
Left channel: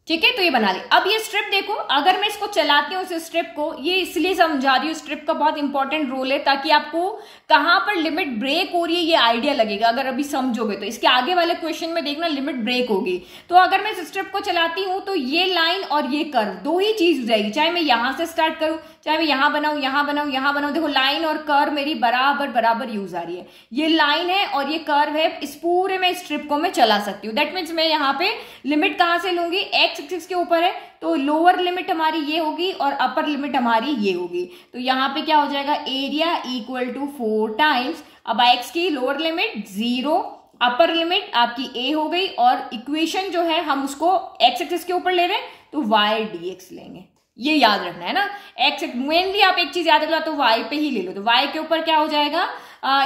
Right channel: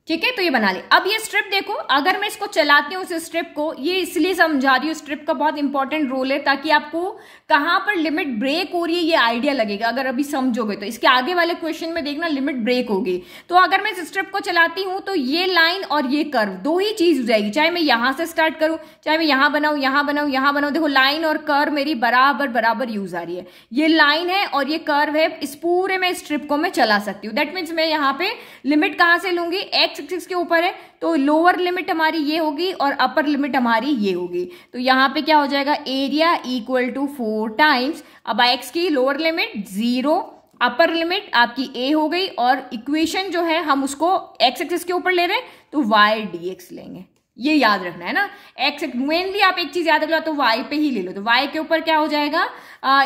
ठीक है। तो ये बना ले। अब ये स्ट्रिप देखो, अगर मैं इसको चलाती हूँ इस स्ट्रिप को, ये इसलिए समझा रही हूँ, स्ट्रिप का बहुत इंपॉर्टेंट रोल है ताकि आपको कहां पर लिमिट ब्रेक हो रही है ये आइडिया लगेगा। अगर अभी समझोगे तो इसके आगे वाले क्वेश्चन में देखना लिमिट ब्रेक होगी। तो अगर मैं इस स्ट्रिप को चलाती हूं तो ये लाइन और ये कर्व दो ही चीज हो जाएगी, चाहे मैं यहां से स्टार्ट करूं, चाहे मैं यहां बनाऊं, यहां बनाऊं, यहां बनाऊं। देखो लाइन और कर्व मेरी बराबर बराबर यूज आ रही है। ये लाइन है और ये कर्व है, इस पूरे में स्ट्रिप को मैं चला सकती हूँ। दैट मीन्स मैं यहाँ पे लिमिट कहां से लूंगी, एक्स एक्सिस के ऊपर है तो लोअर लिमिट हमारी ये होगी और अपर लिमिट हमारी ये होगी। तो यहाँ पे क्या हो जाएगा, एरिया इक्वल टू 4 टाइम्स, अब एक्स की लोअर लिमिट 0, अपर लिमिट आपकी ए हो गई, और इक्वेशन जो है हम उसको एक्स एक्सिस के ऊपर ले रहे हैं तो वाई dx लेंगे। ये याद रखना है ना, एक्स मेनली आप एक चीज याद रख लो, तो वाई पे ही ले लो। तो वाई के ऊपर क्या हो जाएगा,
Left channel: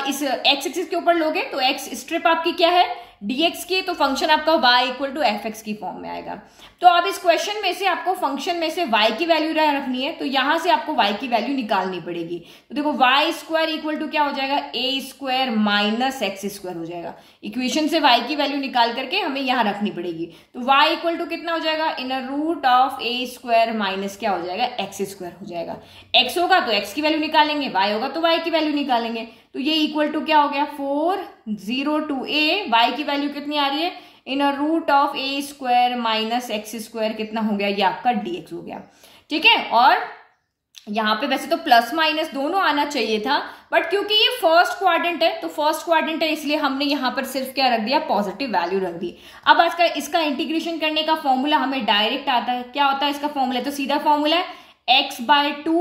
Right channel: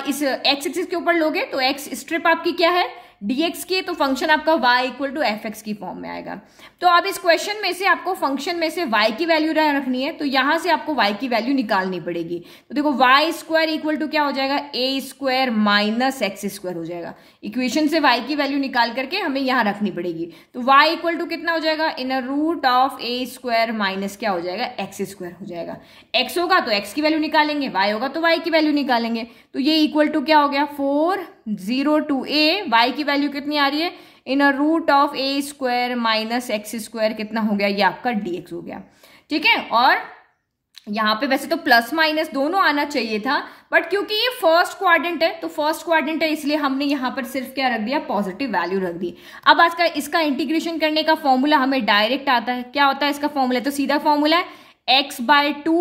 इस एक्स एक्सिस के ऊपर लोगे तो एक्स स्ट्रिप आपकी क्या है, dx की, तो फंक्शन आपका y equal to f x की फॉर्म में आएगा। तो अब इस क्वेश्चन में से आपको फंक्शन में से y की वैल्यू रखनी है, तो यहां से आपको y की वैल्यू निकालनी पड़ेगी। तो देखो y स्क्वायर इक्वल टू क्या हो जाएगा, a square minus x square हो जाएगा। इक्वेशन से y की वैल्यू निकाल करके हमें यहां रखनी पड़ेगी। तो y इक्वल टू कितना हो जाएगा, in root of a square minus क्या हो जाएगा, एक्स स्क्वायर हो जाएगा। x होगा तो x की वैल्यू निकालेंगे, y होगा तो y की वैल्यू निकालेंगे। तो ये इक्वल टू क्या हो गया, 4 0 टू a, y की वैल्यू कितनी आ रही है, in root of a square minus x square कितना हो गया, ये आपका dx हो गया, ठीक है। और यहाँ पे वैसे तो प्लस माइनस दोनों आना चाहिए था, बट क्योंकि ये फर्स्ट क्वाड्रेंट है तो फर्स्ट क्वाड्रेंट है इसलिए हमने यहाँ पर सिर्फ क्या रख दिया, पॉजिटिव वैल्यू रख दी। अब आज का इसका इंटीग्रेशन करने का फॉर्मूला हमें डायरेक्ट आता है। क्या होता है इसका फॉर्मूला, तो सीधा फॉर्मूला है x/2,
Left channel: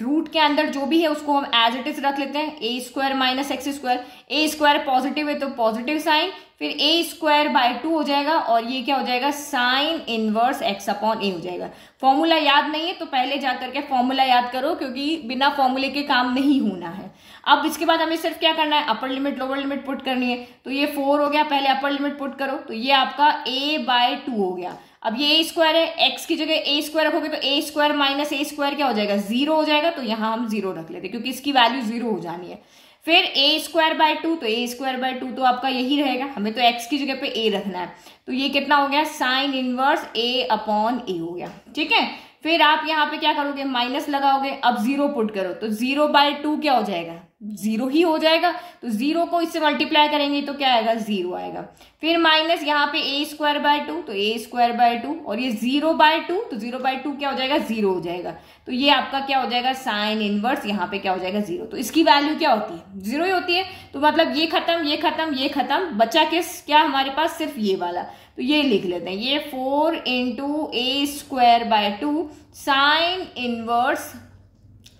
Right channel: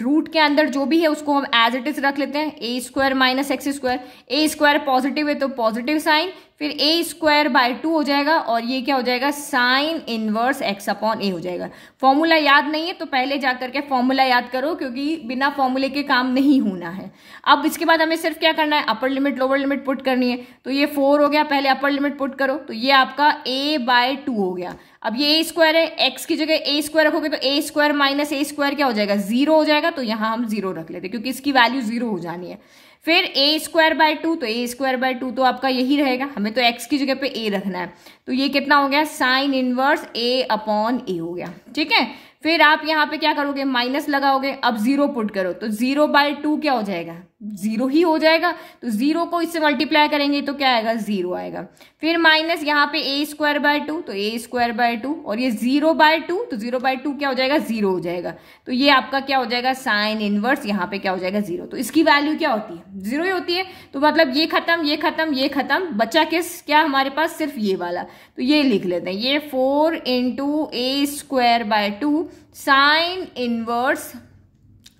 रूट के अंदर जो भी है उसको हम एज इट इज रख लेते हैं, a square minus x square. a square positive है तो पॉजिटिव साइन, फिर a स्क्वायर बाय 2 हो जाएगा, और ये क्या हो जाएगा, sine inverse x upon a हो जाएगा। फॉर्मूला याद नहीं है तो पहले जाकर के फॉर्मूला याद करो, क्योंकि बिना फॉर्मूले के काम नहीं होना है। अब इसके बाद हमें सिर्फ क्या करना है, upper limit lower limit put करनी है। तो ये 4 हो गया, पहले अपर लिमिट पुट करो, तो ये आपका a/2 हो गया। अब ये a स्क्वायर है, x की जगह a स्क्वायर रखोगे तो a square minus a square क्या हो जाएगा, 0 हो जाएगा। तो यहाँ हम 0 रख लेते क्योंकि इसकी वैल्यू 0 हो जानी है। फिर a स्क्वायर बाय 2, तो a स्क्वायर बाय 2 तो आपका यही रहेगा, हमें तो x की जगह पे a रखना है। तो ये कितना हो गया, sine inverse a upon a हो गया, ठीक है। फिर आप यहाँ पे क्या करोगे, माइनस लगाओगे, अब 0 पुट करो तो 0/2 क्या हो जाएगा, 0 ही हो जाएगा। तो 0 को इससे मल्टीप्लाई करेंगे तो क्या आएगा, 0 आएगा। फिर माइनस यहाँ पे a स्क्वायर बाय 2, तो a स्क्वायर बाय 2, और ये 0/2, तो 0/2 क्या हो जाएगा, 0 हो जाएगा। तो ये आपका क्या हो जाएगा, साइन इनवर्स, यहाँ पे क्या हो जाएगा, 0। तो इसकी वैल्यू क्या होती है, 0 ही होती है। तो मतलब ये खत्म, ये खत्म, ये खत्म, बचा क्या हमारे पास, सिर्फ ये वाला। तो ये लिख लेते हैं, ये 4 into a square by 2 sine inverse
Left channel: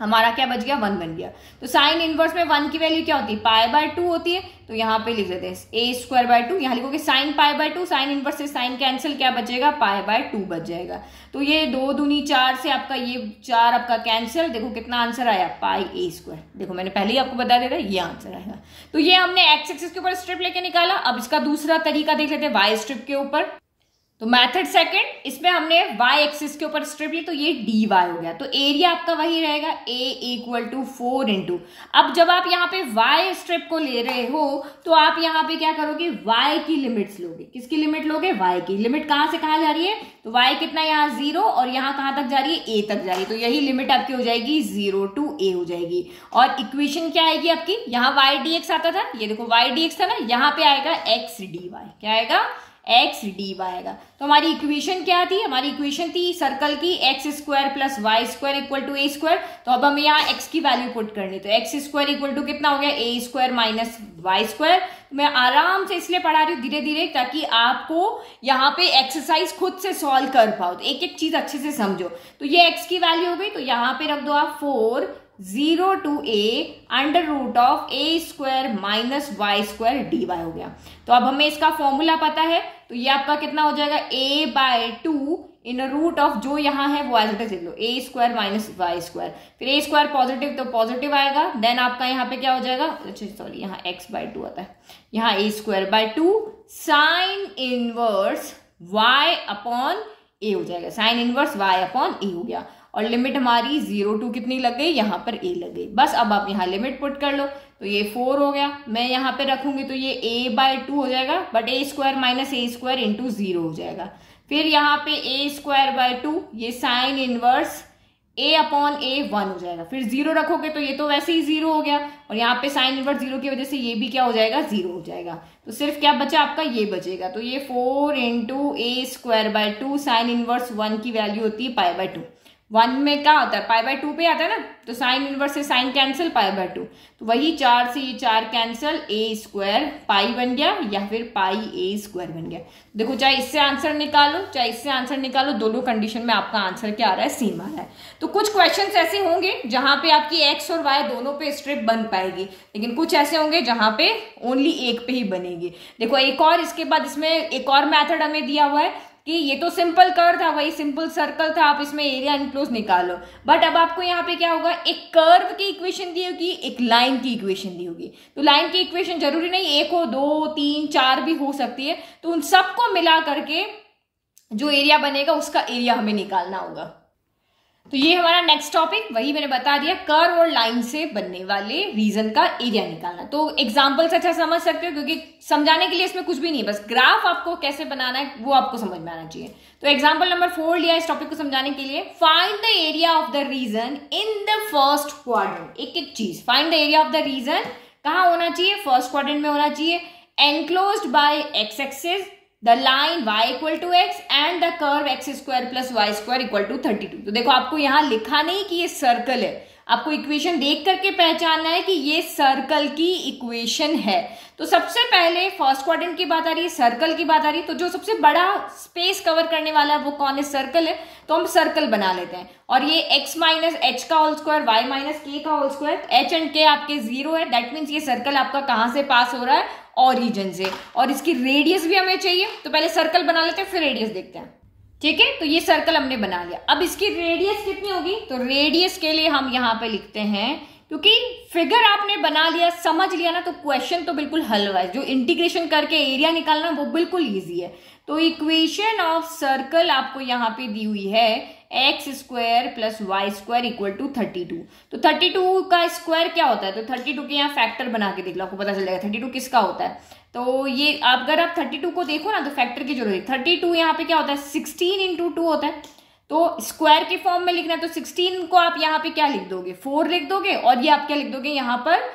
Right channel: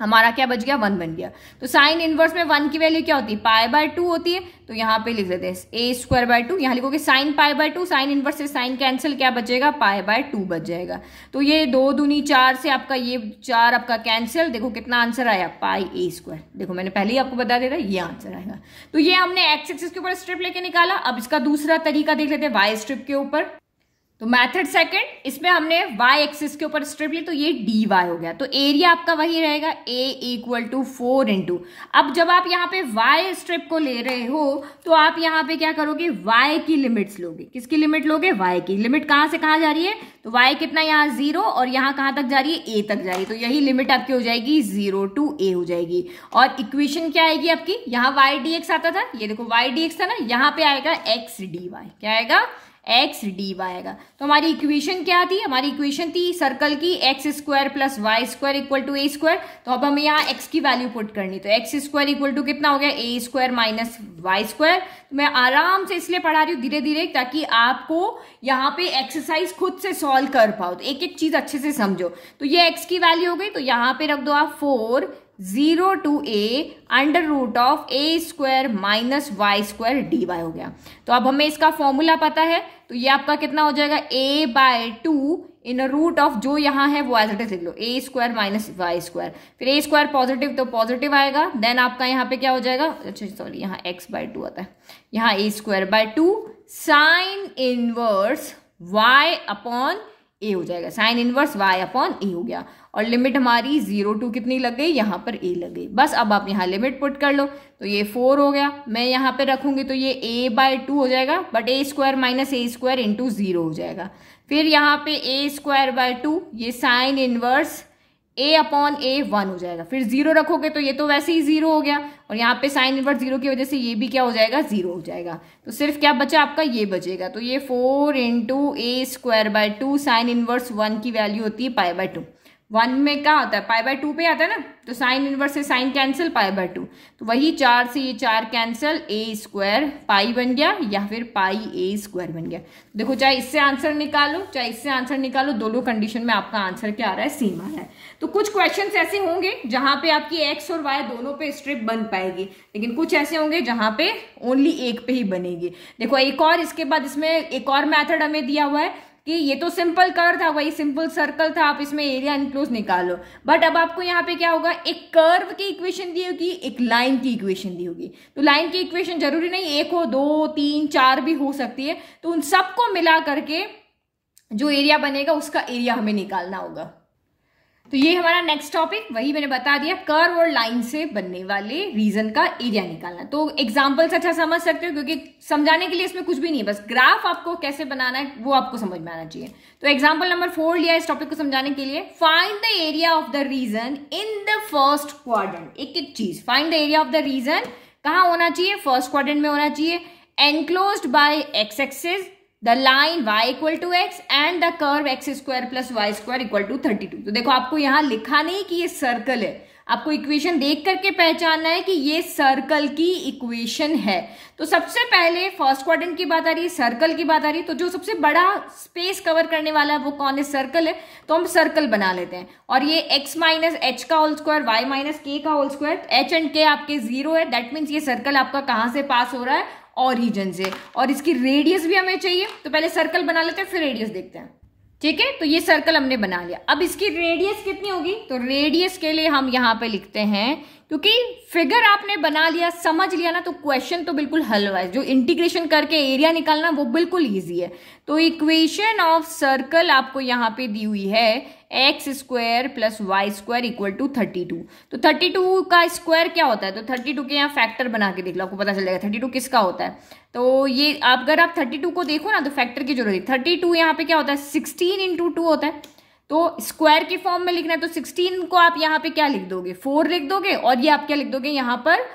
हमारा क्या बच गया, 1 बन गया। तो साइन इनवर्स में 1 की वैल्यू क्या होती है, π/2 होती है। तो यहाँ पे लिख देते हैं a स्क्वायर बाय 2, यहाँ लिखोगे साइन π/2, साइन इनवर्स से साइन कैंसिल, क्या बचेगा, π/2 बच जाएगा। तो ये 2 दूनी 4 से आपका ये 4 आपका कैंसिल, देखो कितना आंसर आया, πa²। देखो मैंने पहले ही आपको बता दिया था, ये आंसर आएगा। तो ये हमने एक्स एक्सिस के ऊपर स्ट्रिप लेके निकाला। अब इसका दूसरा तरीका देख लेते हैं, वाई स्ट्रिप के ऊपर। तो मेथड सेकंड, इसमें हमने y एक्सिस के ऊपर स्ट्रिप ली तो ये dy हो गया। तो एरिया आपका वही रहेगा a इक्वल टू 4 इंटू, अब जब आप यहाँ पे y स्ट्रिप को ले रहे हो तो आप यहाँ पे क्या करोगे, y की लिमिट्स लोगे। किसकी लिमिट लोगे, y की लिमिट। कहां से कहां जा रही है, तो y कितना यहाँ 0 और यहाँ कहां तक जा रही है, a तक जा रही है। तो यही लिमिट आपकी हो जाएगी 0 टू a हो जाएगी। और इक्वेशन क्या आएगी आपकी, यहाँ y dx आता था, ये देखो y dx था ना, यहाँ पे आएगा x dy। क्या आएगा, x dy आएगा। तो हमारी इक्वेशन क्या थी, हमारी इक्वेशन थी सर्कल की x square plus y square equal to a square. तो अब हमें यहाँ x की वैल्यू पुट करनी, तो एक्स स्क्वायर इक्वल टू कितना हो गया, ए स्क्वायर माइनस वाई स्क्वायर। मैं आराम से इसलिए पढ़ा रही हूँ धीरे धीरे, ताकि आपको यहाँ पे एक्सरसाइज खुद से सॉल्व कर पाओ, तो एक एक चीज अच्छे से समझो। तो ये x की वैल्यू हो गई, तो यहाँ पे रख दो आप 4 0 to a under root of a square minus y square dy हो गया। तो अब हमें इसका फॉर्मूला पता है, तो ये आपका कितना हो जाएगा, a by 2 in root of जो यहाँ है वो एज इट इज लिख लो, a square minus y square. फिर a स्क्वायर पॉजिटिव तो पॉजिटिव आएगा, देन आपका यहाँ पे क्या हो जाएगा, अच्छा सॉरी यहाँ x बाय 2 आता है, यहाँ a square by 2 sine inverse y upon a हो जाएगा, sine inverse y upon a हो गया। और लिमिट हमारी 0 टू कितनी लग गई, यहाँ पर a लग गई। बस अब आप यहाँ लिमिट पुट कर लो, तो ये 4 हो गया। मैं यहाँ पे रखूंगी तो ये a बाय 2 हो जाएगा, but a square minus a square into 0 हो जाएगा। फिर यहाँ पे a स्क्वायर बाय 2, ये sine inverse a upon a 1 हो जाएगा। फिर 0 रखोगे तो ये तो वैसे ही 0 हो गया, और यहाँ पे साइन इनवर्स 0 की वजह से ये भी क्या हो जाएगा, 0 हो जाएगा। तो सिर्फ क्या बचा आपका, ये बचेगा। तो ये 4 into a square by 2 sine inverse 1 की वैल्यू होती है पाई बाय 2। 1 में क्या आता है, पाई बाय 2 पे आता है ना, तो साइन इनवर्स से साइन कैंसिल, पाई बाय 2, तो वही 4 से ये 4 कैंसिल, a स्क्वायर पाई बन गया या फिर पाई a स्क्वायर बन गया। देखो चाहे इससे आंसर निकालो चाहे इससे आंसर निकालो, दोनों कंडीशन में आपका आंसर क्या आ रहा है, सेम आ रहा है। तो कुछ क्वेश्चंस ऐसे होंगे जहां पे आपकी x और y दोनों पे स्ट्रिप बन पाएगी, लेकिन कुछ ऐसे होंगे जहां पे ओनली एक पे ही बनेगी। देखो एक और, इसके बाद इसमें एक और मेथड हमें दिया हुआ है कि ये तो सिंपल कर्व था, वही सिंपल सर्कल था, आप इसमें एरिया इनक्लोज निकालो। बट अब आपको यहाँ पे क्या होगा, एक कर्व की इक्वेशन दी होगी, एक लाइन की इक्वेशन दी होगी। तो लाइन की इक्वेशन जरूरी नहीं 1 हो, 2, 3, 4 भी हो सकती है। तो उन सबको मिला करके जो एरिया बनेगा उसका एरिया हमें निकालना होगा। तो ये हमारा नेक्स्ट टॉपिक, वही मैंने बता दिया, कर्व और लाइन से बनने वाले रीजन का एरिया निकालना। तो एग्जांपल से अच्छा समझ सकते हो, क्योंकि समझाने के लिए इसमें कुछ भी नहीं है, बस ग्राफ आपको कैसे बनाना है वो आपको समझ में आना चाहिए। तो एग्जांपल नंबर 4 लिया इस टॉपिक को समझाने के लिए, find the area of the region in the first quadrant. एक एक चीज, find the area of the region कहाँ होना चाहिए, फर्स्ट क्वाड्रेंट में होना चाहिए, enclosed by x axis, the line y equal to x and the curve x square plus y square equal to 32। तो देखो आपको यहाँ लिखा नहीं कि ये सर्कल है, आपको इक्वेशन देख करके पहचानना है कि ये सर्कल की इक्वेशन है। तो सबसे पहले फर्स्ट क्वाड्रेंट की बात आ रही है, सर्कल की बात आ रही है, तो जो सबसे बड़ा स्पेस कवर करने वाला है वो कौन है, सर्कल है। तो हम सर्कल बना लेते हैं, और ये x माइनस एच का whole square, y minus k का whole square, h and k आपके 0 है, दैट मीन्स ये सर्कल आपका कहां से पास हो रहा है, ओरिजिन से। और इसकी रेडियस भी हमें चाहिए, तो पहले सर्कल बना लेते हैं फिर रेडियस देखते हैं, ठीक है। तो ये सर्कल हमने बना लिया, अब इसकी रेडियस कितनी होगी, तो रेडियस के लिए हम यहाँ पे लिखते हैं, क्योंकि फिगर आपने बना लिया, समझ लिया ना, तो क्वेश्चन तो बिल्कुल हल हुआ है। जो इंटीग्रेशन करके एरिया निकालना वो बिल्कुल इजी है। तो इक्वेशन ऑफ सर्कल आपको यहाँ पे दी हुई है, x square plus y square equal to 32। तो 32 का स्क्वायर क्या होता है, तो 32 के यहाँ फैक्टर बना के देख लो, आपको पता चल जाएगा 32 किसका होता है। तो ये अगर आप 32 को देखो ना, तो फैक्टर की जरूरत है। 32 यहाँ पे क्या होता है, 16 इंटू 2 होता है। तो स्क्वायर के फॉर्म में लिखना है, तो 16 को आप यहाँ पे क्या लिख दोगे, 4 लिख दोगे, और ये आप क्या लिख दोगे यहाँ पर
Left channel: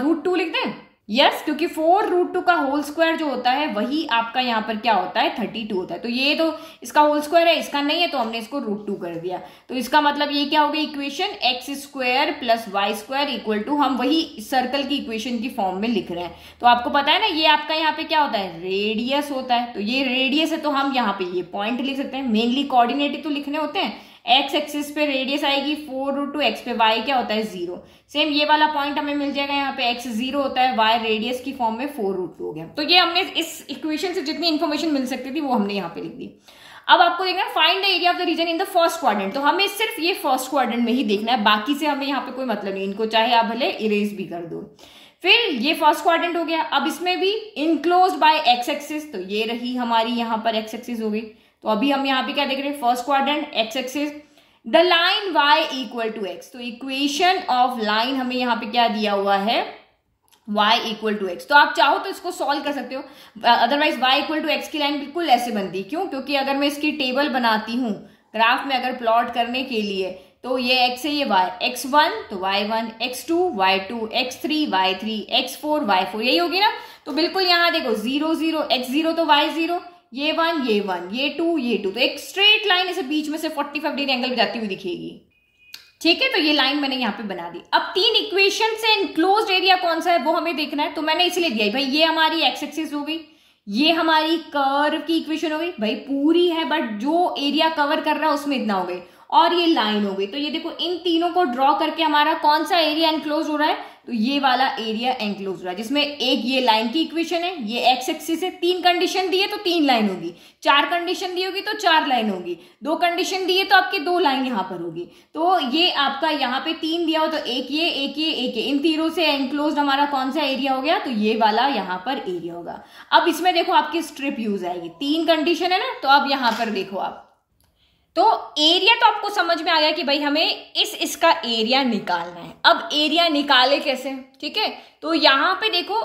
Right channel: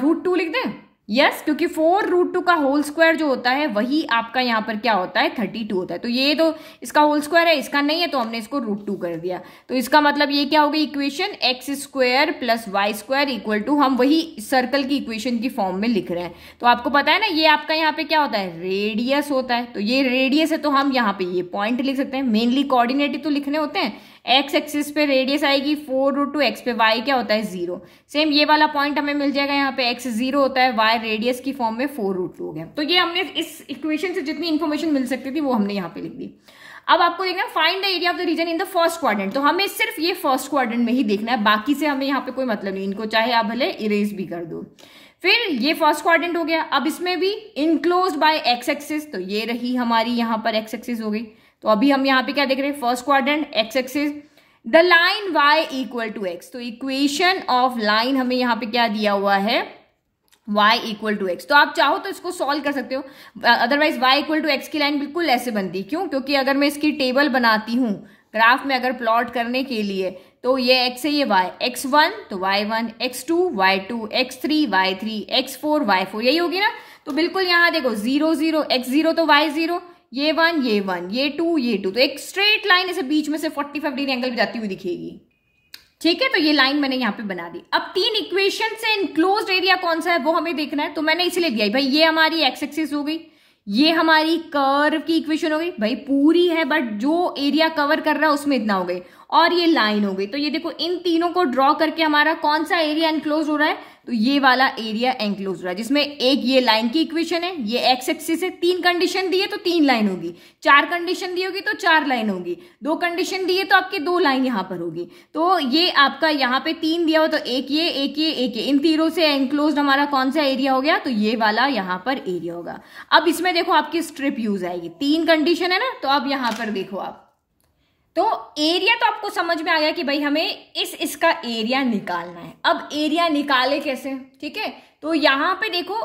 √2 लिख दें। यस, क्योंकि 4√2 का होल स्क्वायर जो होता है वही आपका यहाँ पर क्या होता है, 32 होता है। तो ये तो इसका होल स्क्वायर है, इसका नहीं है, तो हमने इसको √2 कर दिया। तो इसका मतलब ये क्या होगी, equation x square plus y square equal to, हम वही सर्कल की इक्वेशन की फॉर्म में लिख रहे हैं। तो आपको पता है ना, ये आपका यहाँ पे क्या होता है, रेडियस होता है। तो ये रेडियस है, तो हम यहाँ पे ये पॉइंट लिख सकते हैं। मेनली कोऑर्डिनेट तो लिखने होते हैं, एक्स एक्सिस पे रेडियस आएगी 4√2, एक्स पे वाई क्या होता है 0। सेम ये वाला पॉइंट हमें मिल जाएगा, यहाँ पे एक्स 0 होता है, वाई रेडियस की फॉर्म में 4√2 हो गया। तो ये हमने इस इक्वेशन से जितनी इन्फॉर्मेशन मिल सकती थी वो हमने यहाँ पे लिख दी। अब आपको देखना find the area of the region in the first quadrant. तो हमें सिर्फ ये फर्स्ट क्वाड्रेंट में ही देखना है, बाकी से हमें यहाँ पे कोई मतलब नहीं, इनको चाहे आप भले इरेज भी कर दो। फिर ये फर्स्ट क्वाड्रेंट हो गया। अब इसमें भी इनक्लोज्ड बाय एक्स एक्सिस, तो ये रही हमारी यहाँ पर एक्स एक्सिस हो गई। तो अभी हम यहाँ पे क्या देख रहे हैं, first quadrant x axis, the line y equal to x. तो इक्वेशन ऑफ लाइन हमें यहाँ पे क्या दिया हुआ है, y इक्वल टू एक्स। तो आप चाहो तो इसको सॉल्व कर सकते हो, otherwise y equal to x की लाइन बिल्कुल ऐसे बनती है। क्यों? क्योंकि अगर मैं इसकी टेबल बनाती हूँ ग्राफ में अगर प्लॉट करने के लिए, तो ये x है, ये y, x1 तो y1, x2 y2, x3 y3, x4 y4, यही होगी ना। तो बिल्कुल यहाँ देखो 0 0, x0 तो y0, ये 1 ये 1, ये 2 ये 2, तो एक स्ट्रेट लाइन ऐसे बीच में से 45 डिग्री एंगल पे जाती हुई दिखेगी। ठीक है, तो ये लाइन मैंने यहाँ पे बना दी। अब तीन इक्वेशन से इनक्लोज्ड एरिया कौन सा है वो हमें देखना है, तो मैंने इसलिए दिया भाई ये हमारी एक्स एक्सिस हो गई, ये हमारी कर्व की इक्वेशन हो गई, भाई पूरी है बट जो एरिया कवर कर रहा है उसमें इतना हो गई, और ये लाइन हो गई। तो ये देखो इन तीनों को ड्रॉ करके हमारा कौन सा एरिया एनक्लोज हो रहा है, तो ये वाला एरिया एनक्लोज हो रहा है, जिसमें एक ये लाइन की इक्वेशन है, ये एक्स एक्सिस है, तीन कंडीशन दी है तो तीन लाइन होगी, चार कंडीशन दी होगी तो चार लाइन होगी, दो कंडीशन दी है तो आपकी दो लाइन यहां पर होगी। तो ये आपका यहाँ पे तीन दिया हो तो एक ये एक ये एक ये, इन तीनों से एनक्लोज हमारा कौन सा एरिया हो गया, तो ये वाला यहाँ पर एरिया होगा। अब इसमें देखो आपकी स्ट्रिप यूज आएगी, तीन कंडीशन है ना, तो अब यहां पर देखो आप, तो एरिया तो आपको समझ में आ गया कि भाई हमें इसका एरिया निकालना है। अब एरिया निकाले कैसे, ठीक है, तो यहाँ पे देखो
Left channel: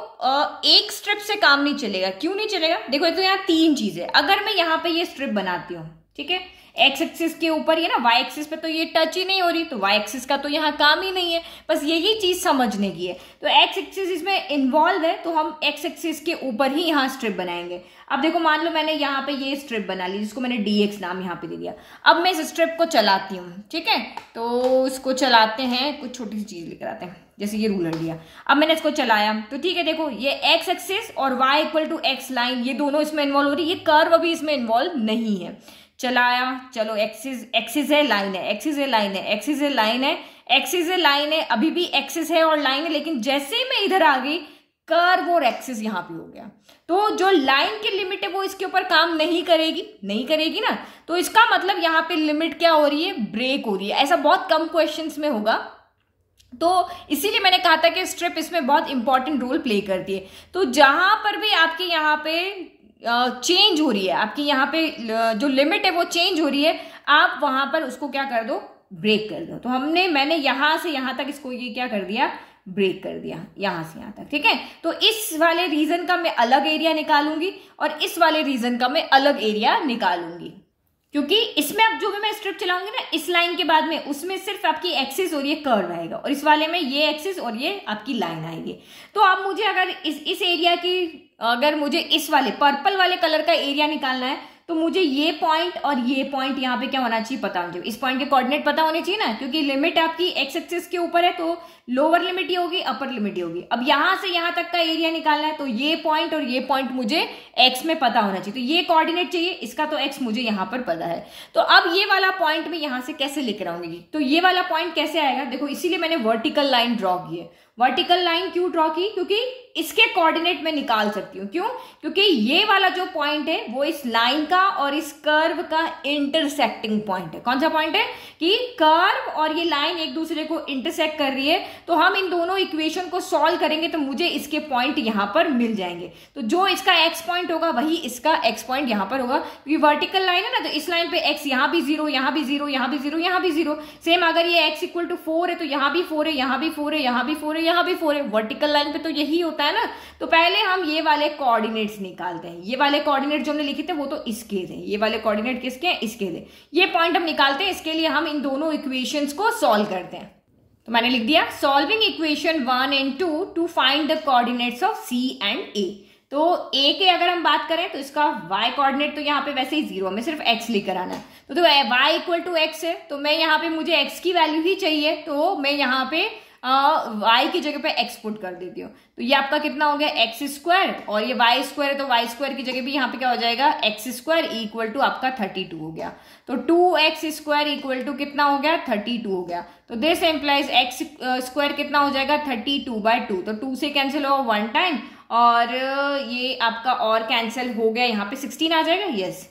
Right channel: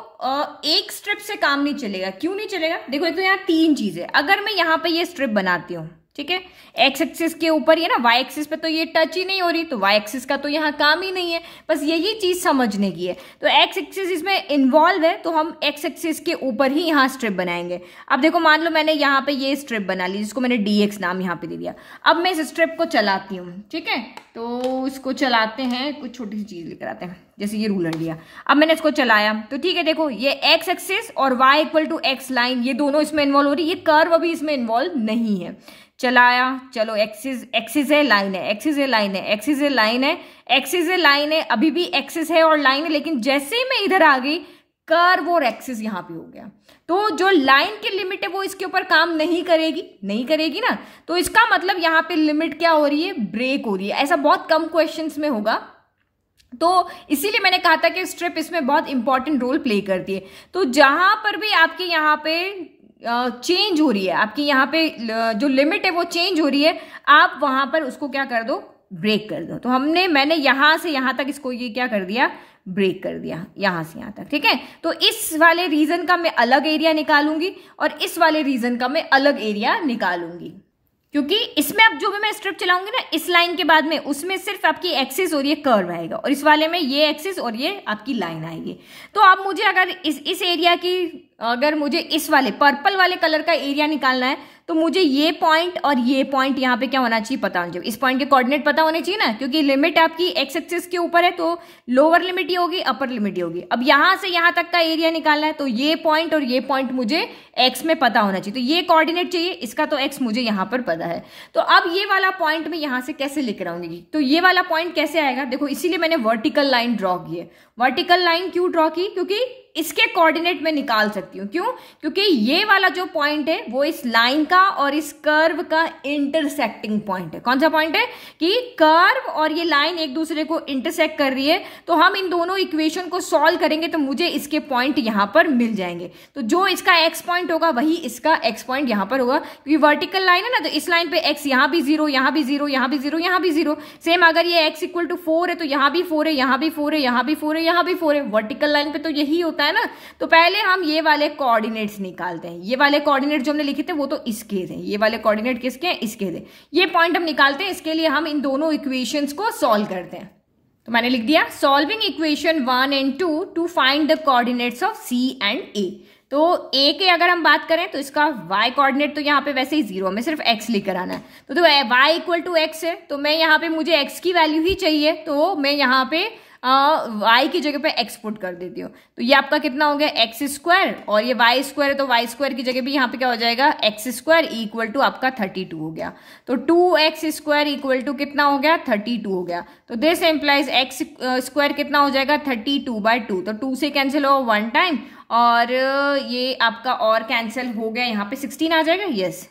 एक स्ट्रिप से काम नहीं चलेगा। क्यों नहीं चलेगा, देखो एक तो यहाँ तीन चीजें, अगर मैं यहाँ पे ये स्ट्रिप बनाती हूँ, ठीक है, एक्स एक्सिस के ऊपर ये ना, वाई एक्सिस पे तो ये टच ही नहीं हो रही, तो वाई एक्सिस का तो यहाँ काम ही नहीं है, बस यही चीज समझने की है। तो एक्स एक्सिस इसमें इन्वॉल्व है, तो हम एक्स एक्सिस के ऊपर ही यहाँ स्ट्रिप बनाएंगे। अब देखो मान लो मैंने यहाँ पे ये स्ट्रिप बना ली, जिसको मैंने dx नाम यहाँ पे दे दिया। अब मैं इस स्ट्रिप को चलाती हूँ, ठीक है, तो इसको चलाते हैं, कुछ छोटी सी चीज लेकर आते हैं, जैसे ये रूलर लिया। अब मैंने इसको चलाया तो ठीक है, देखो ये एक्स एक्सिस और y equal to x line, ये दोनों इसमें इन्वॉल्व हो रही है, ये कर्व अभी इसमें इन्वॉल्व नहीं है। चलाया, चलो एक्सिस है लाइन है, एक्सिस है लाइन है, एक्सिस है लाइन है, एक्सिस है लाइन है, अभी भी एक्सिस है और लाइन है, लेकिन जैसे मैं इधर आ गई कर्व और एक्सिस यहाँ पे हो गया, तो जो लाइन की लिमिट है वो इसके ऊपर काम नहीं करेगी ना। तो इसका मतलब यहाँ पे लिमिट क्या हो रही है, ब्रेक हो रही है। ऐसा बहुत कम क्वेश्चंस में होगा, तो इसीलिए मैंने कहा था कि स्ट्रिप इसमें बहुत इंपॉर्टेंट रोल प्ले करती है। तो जहां पर भी आपके यहाँ पे चेंज हो रही है, आपकी यहाँ पे जो लिमिट है वो चेंज हो रही है, आप वहां पर उसको क्या कर दो, ब्रेक कर दो। तो मैंने यहां से यहां तक इसको ये क्या कर दिया, ब्रेक कर दिया, यहां से यहां तक, ठीक है। तो इस वाले रीजन का मैं अलग एरिया निकालूंगी और इस वाले रीजन का मैं अलग एरिया निकालूंगी, क्योंकि इसमें अब जो भी मैं स्ट्रिप चलाऊंगी ना इस लाइन के बाद में, उसमें सिर्फ आपकी एक्सिस और ये कर्व आएगा, और इस वाले में ये एक्सिस और ये आपकी लाइन आएगी। तो अब मुझे अगर इस एरिया की, अगर मुझे इस वाले पर्पल वाले कलर का एरिया निकालना है, तो मुझे ये पॉइंट और ये पॉइंट यहाँ पे क्या होना चाहिए, पता होना चाहिए। इस पॉइंट के कोऑर्डिनेट पता होने चाहिए ना, क्योंकि लिमिट आपकी एक्स एक्सिस के ऊपर है, तो लोअर लिमिट ही होगी, अपर लिमिट ही होगी। अब यहां से यहां तक का एरिया निकालना है, तो ये पॉइंट और ये पॉइंट मुझे एक्स में पता होना चाहिए। तो ये कोऑर्डिनेट चाहिए, इसका तो एक्स मुझे यहां पर पता है। तो अब ये वाला पॉइंट मैं यहां से कैसे लेकर आऊंगी, तो ये वाला पॉइंट कैसे आएगा, देखो इसीलिए मैंने वर्टिकल लाइन ड्रॉ की है। वर्टिकल लाइन क्यों ड्रॉ की, क्योंकि इसके कोऑर्डिनेट में निकाल सकती हूँ। क्यों, क्योंकि ये वाला जो पॉइंट है वो इस लाइन का और इस कर्व का इंटरसेक्टिंग पॉइंट है। कौन सा पॉइंट है कि कर्व और ये लाइन एक दूसरे को इंटरसेक्ट कर रही है, तो हम इन दोनों इक्वेशन को सॉल्व करेंगे तो मुझे इसके पॉइंट यहां पर मिल जाएंगे। तो जो इसका एक्स पॉइंट होगा वही इसका एक्स पॉइंट यहां पर होगा, क्योंकि वर्टिकल लाइन है ना, तो इस लाइन पे एक्स यहां भी 0, यहां भी 0, यहां भी 0, यहां भी 0। सेम अगर ये एक्स इक्वल टू 4 है तो यहां भी 4 है, यहां भी 4 है, यहां भी 4 है, यहां भी 4 है। वर्टिकल लाइन पे तो यही होता है ना। तो पहले हम ये वाले कोऑर्डिनेट्स निकालते हैं। ये वाले कोऑर्डिनेट जो हमने लिखे थे वो तो इसके थे, ये वाले कोऑर्डिनेट किसके हैं, इसके थे। ये पॉइंट हम निकालते हैं, इसके लिए हम इन दोनों इक्वेशंस को सॉल्व करते हैं। तो मैंने लिख दिया solving equation 1 and 2 to find the coordinates of C and A. तो ए के अगर हम बात करें तो इसका y कोऑर्डिनेट तो यहाँ पे वैसे ही 0, हमें सिर्फ x लेकर आना है। तो y इक्वल टू एक्स है, तो मैं यहाँ पे मुझे x की वैल्यू ही चाहिए, तो मैं यहाँ पे y की जगह पे x पुट कर देती हूँ। तो ये आपका कितना हो गया, एक्स स्क्वायर, और ये y स्क्वायर है तो y स्क्वायर की जगह भी यहाँ पे क्या हो जाएगा, एक्स स्क्वायर इक्वल टू आपका 32 हो गया। तो 2x स्क्वायर इक्वल टू कितना हो गया, 32 हो गया। तो दिस एम्प्लाइज एक्स स्क्वायर कितना हो जाएगा, 32/2। तो 2 से कैंसिल हो 1 टाइम, और ये आपका और कैंसिल हो गया, यहाँ पे 16 आ जाएगा, यस।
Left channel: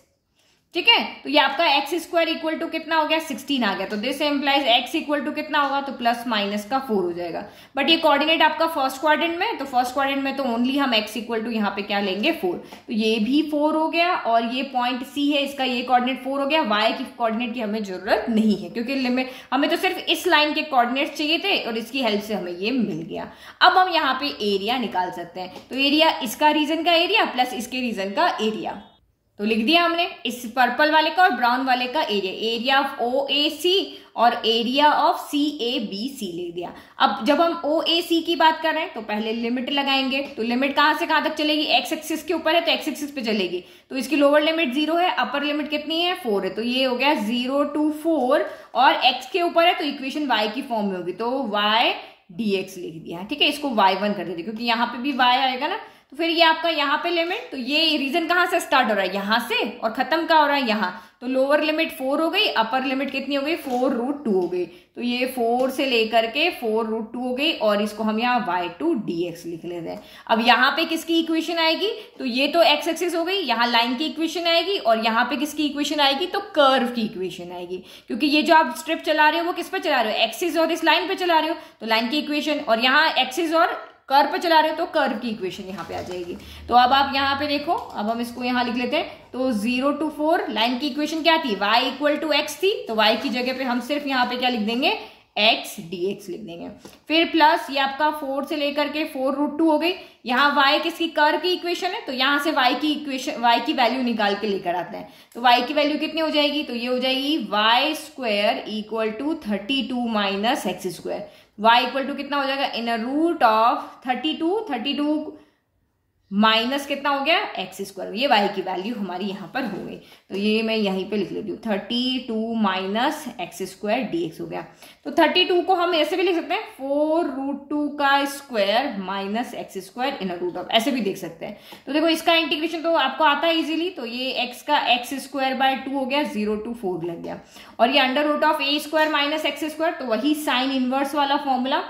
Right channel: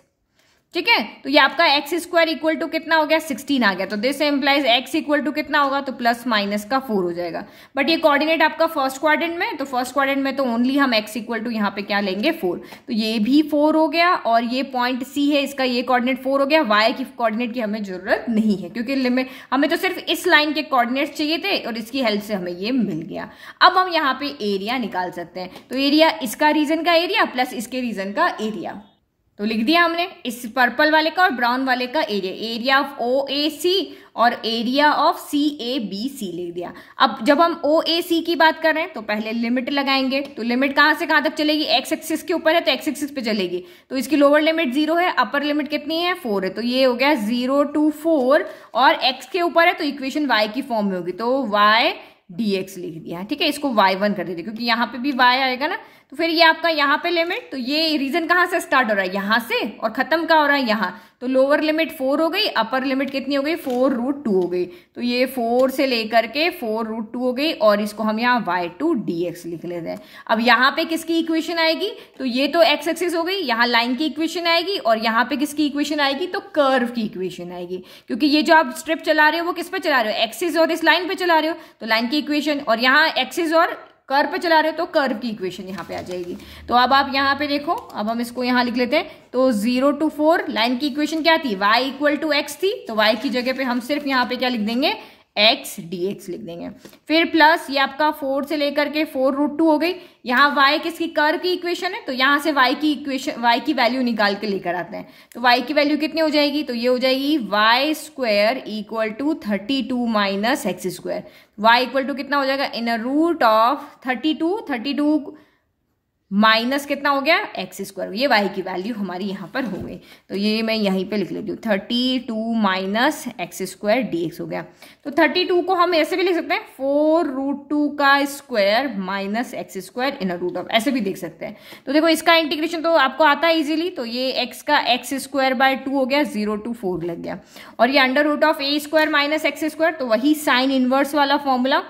ठीक है। तो ये आपका एक्स स्क्वायर इक्वल टू कितना हो गया 16 आ गया। तो this implies x equal to कितना होगा, तो प्लस माइनस का 4 हो जाएगा। बट ये कोऑर्डिनेट आपका फर्स्ट क्वाड्रेंट में, तो फर्स्ट क्वाड्रेंट में तो ओनली हम एक्स इक्वल टू यहाँ पे क्या लेंगे 4। तो ये भी 4 हो गया और ये पॉइंट सी है, इसका ये कोऑर्डिनेट 4 हो गया। वाई की कोऑर्डिनेट की हमें जरूरत नहीं है क्योंकि लिमिट हमें तो सिर्फ इस लाइन के कोऑर्डिनेट चाहिए थे और इसकी हेल्प से हमें ये मिल गया। अब हम यहाँ पे एरिया निकाल सकते हैं। तो एरिया इसका रीजन का एरिया प्लस इसके रीजन का एरिया, तो लिख दिया हमने इस पर्पल वाले का और ब्राउन वाले का एरिया, एरिया ऑफ OAC और एरिया ऑफ CABC लिख दिया। अब जब हम OAC की बात कर रहे हैं तो पहले लिमिट लगाएंगे। तो लिमिट कहां से कहां तक चलेगी, एक्स एक्सिस के ऊपर है तो एक्स एक्सिस पे चलेगी। तो इसकी लोअर लिमिट 0 है, अपर लिमिट कितनी है 4 है। तो ये हो गया 0 to 4 और एक्स के ऊपर है तो इक्वेशन वाई की फॉर्म में होगी, तो वाई dx लिख दिया। ठीक है, इसको y1 कर देते क्योंकि यहाँ पे भी y आएगा ना। तो फिर ये आपका यहाँ पे लिमिट, तो ये रीजन कहाँ से स्टार्ट हो रहा है, यहाँ से, और खत्म कहाँ हो रहा है यहाँ। तो लोअर लिमिट 4 हो गई, अपर लिमिट कितनी हो गई 4√2 हो गई। तो ये 4 से लेकर के 4√2 हो गई और इसको हम यहाँ y2 dx लिख लेते हैं। अब यहाँ पे किसकी इक्वेशन आएगी, तो ये तो एक्स एक्सिस हो गई, यहाँ लाइन की इक्वेशन आएगी और यहाँ पे किसकी इक्वेशन आएगी, तो कर्व की इक्वेशन आएगी। क्योंकि ये जो आप स्ट्रिप चला रहे हो वो किस पे चला रहे हो, एक्सिस और इस लाइन पे चला रहे हो, तो लाइन की इक्वेशन, और यहाँ एक्सिस और कर्व पे चला रहे हो तो कर्व की इक्वेशन यहाँ पे आ जाएगी। तो अब आप यहाँ पे देखो, अब हम इसको यहाँ लिख लेते हैं। तो 0 to 4 लाइन की इक्वेशन क्या थी, y इक्वल टू एक्स थी, तो y की जगह पे हम सिर्फ यहाँ पे क्या लिख देंगे, x dx लिख देंगे। फिर प्लस ये आपका 4 से लेकर के 4√2 हो गई। यहाँ y किसकी, कर्व की इक्वेशन है, तो यहाँ से y की इक्वेशन, y की वैल्यू निकाल के लेकर आते हैं। तो y की वैल्यू कितनी हो जाएगी, तो ये हो जाएगी y square equal to 32 minus x square. y equal to कितना हो जाएगा, इन रूट ऑफ 32 माइनस कितना हो गया एक्स स्क्वायर। ये y की वैल्यू हमारी यहाँ पर हो गई। तो ये मैं यहीं पे लिख लेती हूँ 32 माइनस एक्स स्क्वायर dx हो गया। तो 32 को हम ऐसे भी लिख सकते हैं 4√2 का square minus x square in root of, ऐसे भी देख सकते हैं। तो देखो इसका इंटीग्रेशन तो आपको आता है इजीली। तो ये x का एक्स स्क्वायर बाय 2 हो गया, 0 to 4 लग गया। और ये under root of a square minus x square, तो वही साइन इनवर्स वाला फॉर्मूला।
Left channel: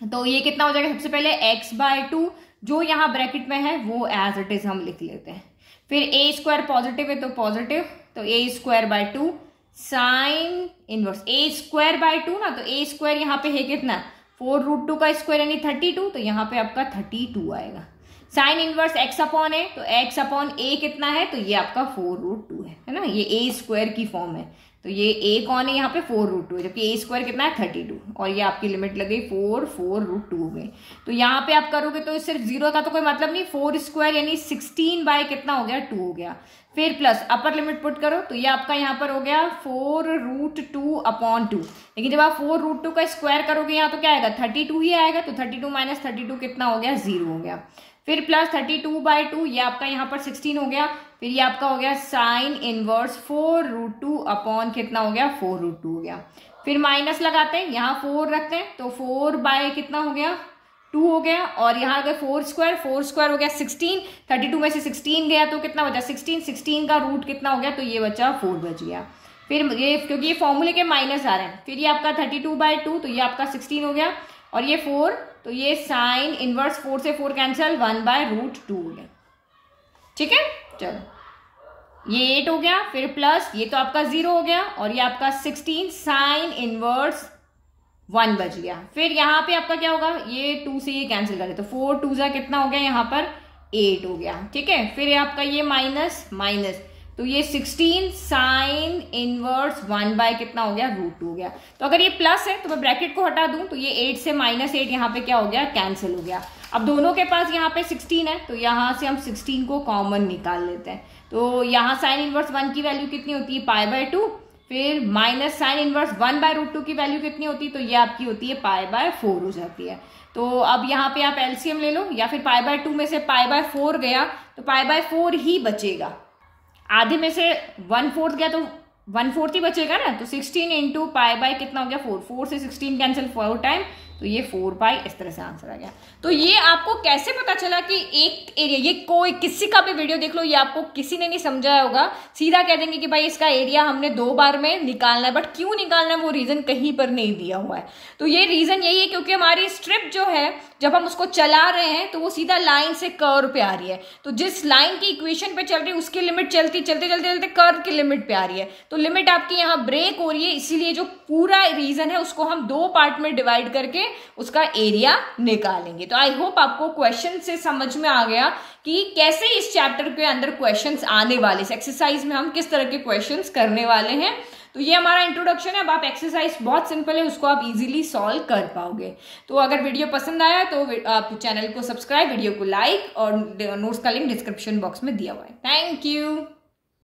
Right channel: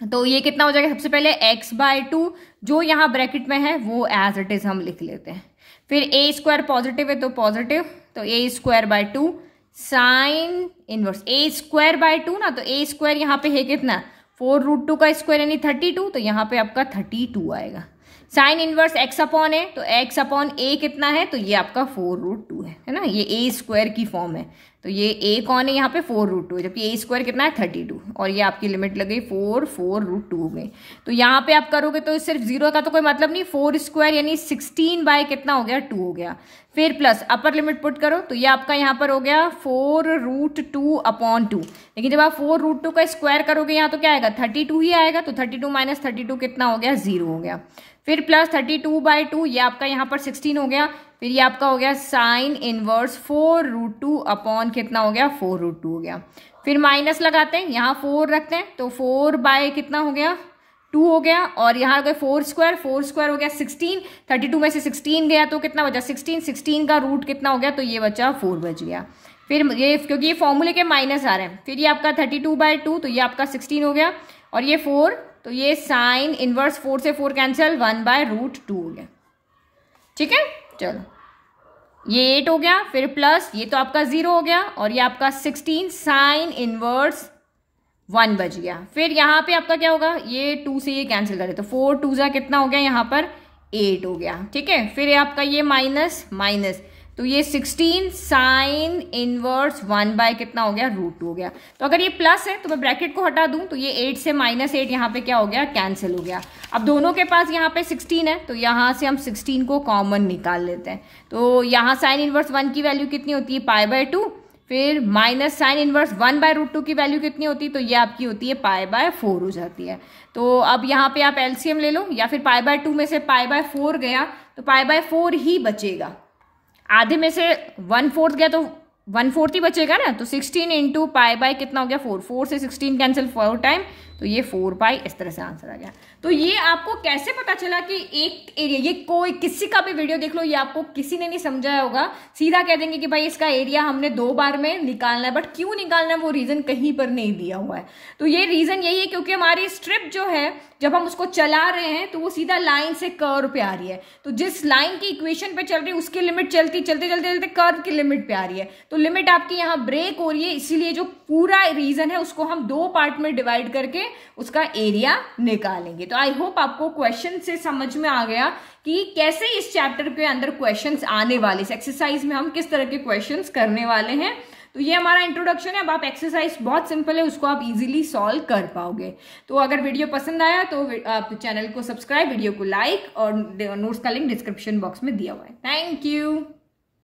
तो ये कितना हो जाएगा, सबसे पहले x बाय 2 जो यहाँ ब्रैकेट में है वो एज इट इज हम लिख लेते हैं। फिर a स्क्वायर पॉजिटिव है तो पॉजिटिव, तो a square by 2 sine inverse a square by 2 ना, तो a स्क्वायर यहाँ पे है कितना 4√2 का स्क्वायर यानी 32, तो यहाँ पे आपका 32 आएगा। साइन इनवर्स x अपॉन है, तो x अपॉन a कितना है, तो ये आपका 4√2 है ना, ये a स्क्वायर की फॉर्म है। तो ये a कौन है यहाँ पे 4√2 है, जबकि a स्क्वायर कितना है 32, और ये आपकी लिमिट लग गई 4√2 में। तो यहाँ पे आप करोगे तो सिर्फ 0 का तो कोई मतलब नहीं, 4 स्क्वायर यानी 16 बाय कितना हो गया 2 हो गया। फिर प्लस अपर लिमिट पुट करो तो ये आपका यहाँ पर हो गया 4√2 अपॉन 2। लेकिन जब आप 4√2 का स्क्वायर करोगे यहाँ तो क्या आएगा 32 ही आएगा। तो 32 माइनस 32 कितना हो गया 0 हो गया। फिर प्लस 32 बाय 2 ये आपका यहाँ पर 16 हो गया। फिर ये आपका हो गया साइन इनवर्स 4√2 अपॉन कितना हो गया 4√2 हो गया। फिर माइनस लगाते हैं, यहाँ 4 रखते हैं तो 4 बाय कितना हो गया 2 हो गया। और यहाँ अगर 4 स्क्वायर हो गया 16, 32 में से 16 गया तो कितना बचा 16 का रूट कितना हो गया, तो ये बचा 4 बच गया। फिर ये क्योंकि ये फॉर्मूले के माइनस आ रहे हैं, फिर ये आपका 32 बाय 2 तो ये आपका 16 हो गया। और ये 4 तो ये साइन इनवर्स 4 से 4 कैंसिल 1/√2 हो गया। ठीक है, चलो ये 8 हो गया। फिर प्लस ये तो आपका 0 हो गया और ये आपका 16 साइन इनवर्स 1 बच गया। फिर यहाँ पे आपका क्या होगा, ये 2 से ये कैंसिल करे तो 4 2 जा कितना हो गया यहाँ पर 8 हो गया। ठीक है, फिर आपका ये माइनस तो ये 16 साइन इनवर्स 1 बाय कितना हो गया √2 हो गया। तो अगर ये प्लस है तो मैं ब्रैकेट को हटा दूं तो ये 8 से -8 यहाँ पे क्या हो गया कैंसिल हो गया। अब दोनों के पास यहाँ पे 16 है तो यहाँ से हम 16 को कॉमन निकाल लेते हैं। तो यहाँ साइन इनवर्स 1 की वैल्यू कितनी होती है π/2, फिर माइनस साइन इनवर्स 1/√2 की वैल्यू कितनी होती है, तो ये आपकी होती है π/4 हो जाती है। तो अब यहाँ पे आप एलसीएम ले लो, या फिर π/2 में से π/4 गया तो π/4 ही बचेगा। आधे में से 1/4 गया तो 1/4 ही बचेगा ना। तो 16 इंटू π/, कितना हो गया 4 से 16 कैंसिल 4 टाइम, तो ये 4 पाई इस तरह से आंसर आ गया। तो ये आपको कैसे पता चला कि एक एरिया, ये कोई किसी का भी वीडियो देख लो, ये आपको किसी ने नहीं समझाया होगा, सीधा कह देंगे कि भाई इसका एरिया हमने 2 बार में निकालना है, बट क्यों निकालना है वो रीजन कहीं पर नहीं दिया हुआ है। तो ये रीजन यही है क्योंकि हमारी स्ट्रिप जो है जब हम उसको चला रहे हैं तो वो सीधा लाइन से कर्व पे आ रही है, तो जिस लाइन की इक्वेशन पे चल रही है उसकी लिमिट चलते चलते कर्व की लिमिट पे आ रही है, तो लिमिट आपकी यहाँ ब्रेक हो रही है, इसीलिए जो पूरा रीजन है उसको हम 2 पार्ट में डिवाइड करके उसका एरिया निकालेंगे। तो आई होप आपको क्वेश्चन से समझ में आ गया कि कैसे इस चैप्टर के अंदर क्वेश्चंस आने वाले, इस एक्सरसाइज में हम किस तरह के क्वेश्चंस करने वाले हैं। तो ये हमारा इंट्रोडक्शन है। अब आप एक्सरसाइज बहुत सिंपल है, उसको आप इजीली सॉल्व कर पाओगे। तो अगर वीडियो पसंद आया तो आप चैनल को सब्सक्राइब, वीडियो को लाइक, और नोट्स का लिंक डिस्क्रिप्शन बॉक्स में दिया हुआ है। Thank you.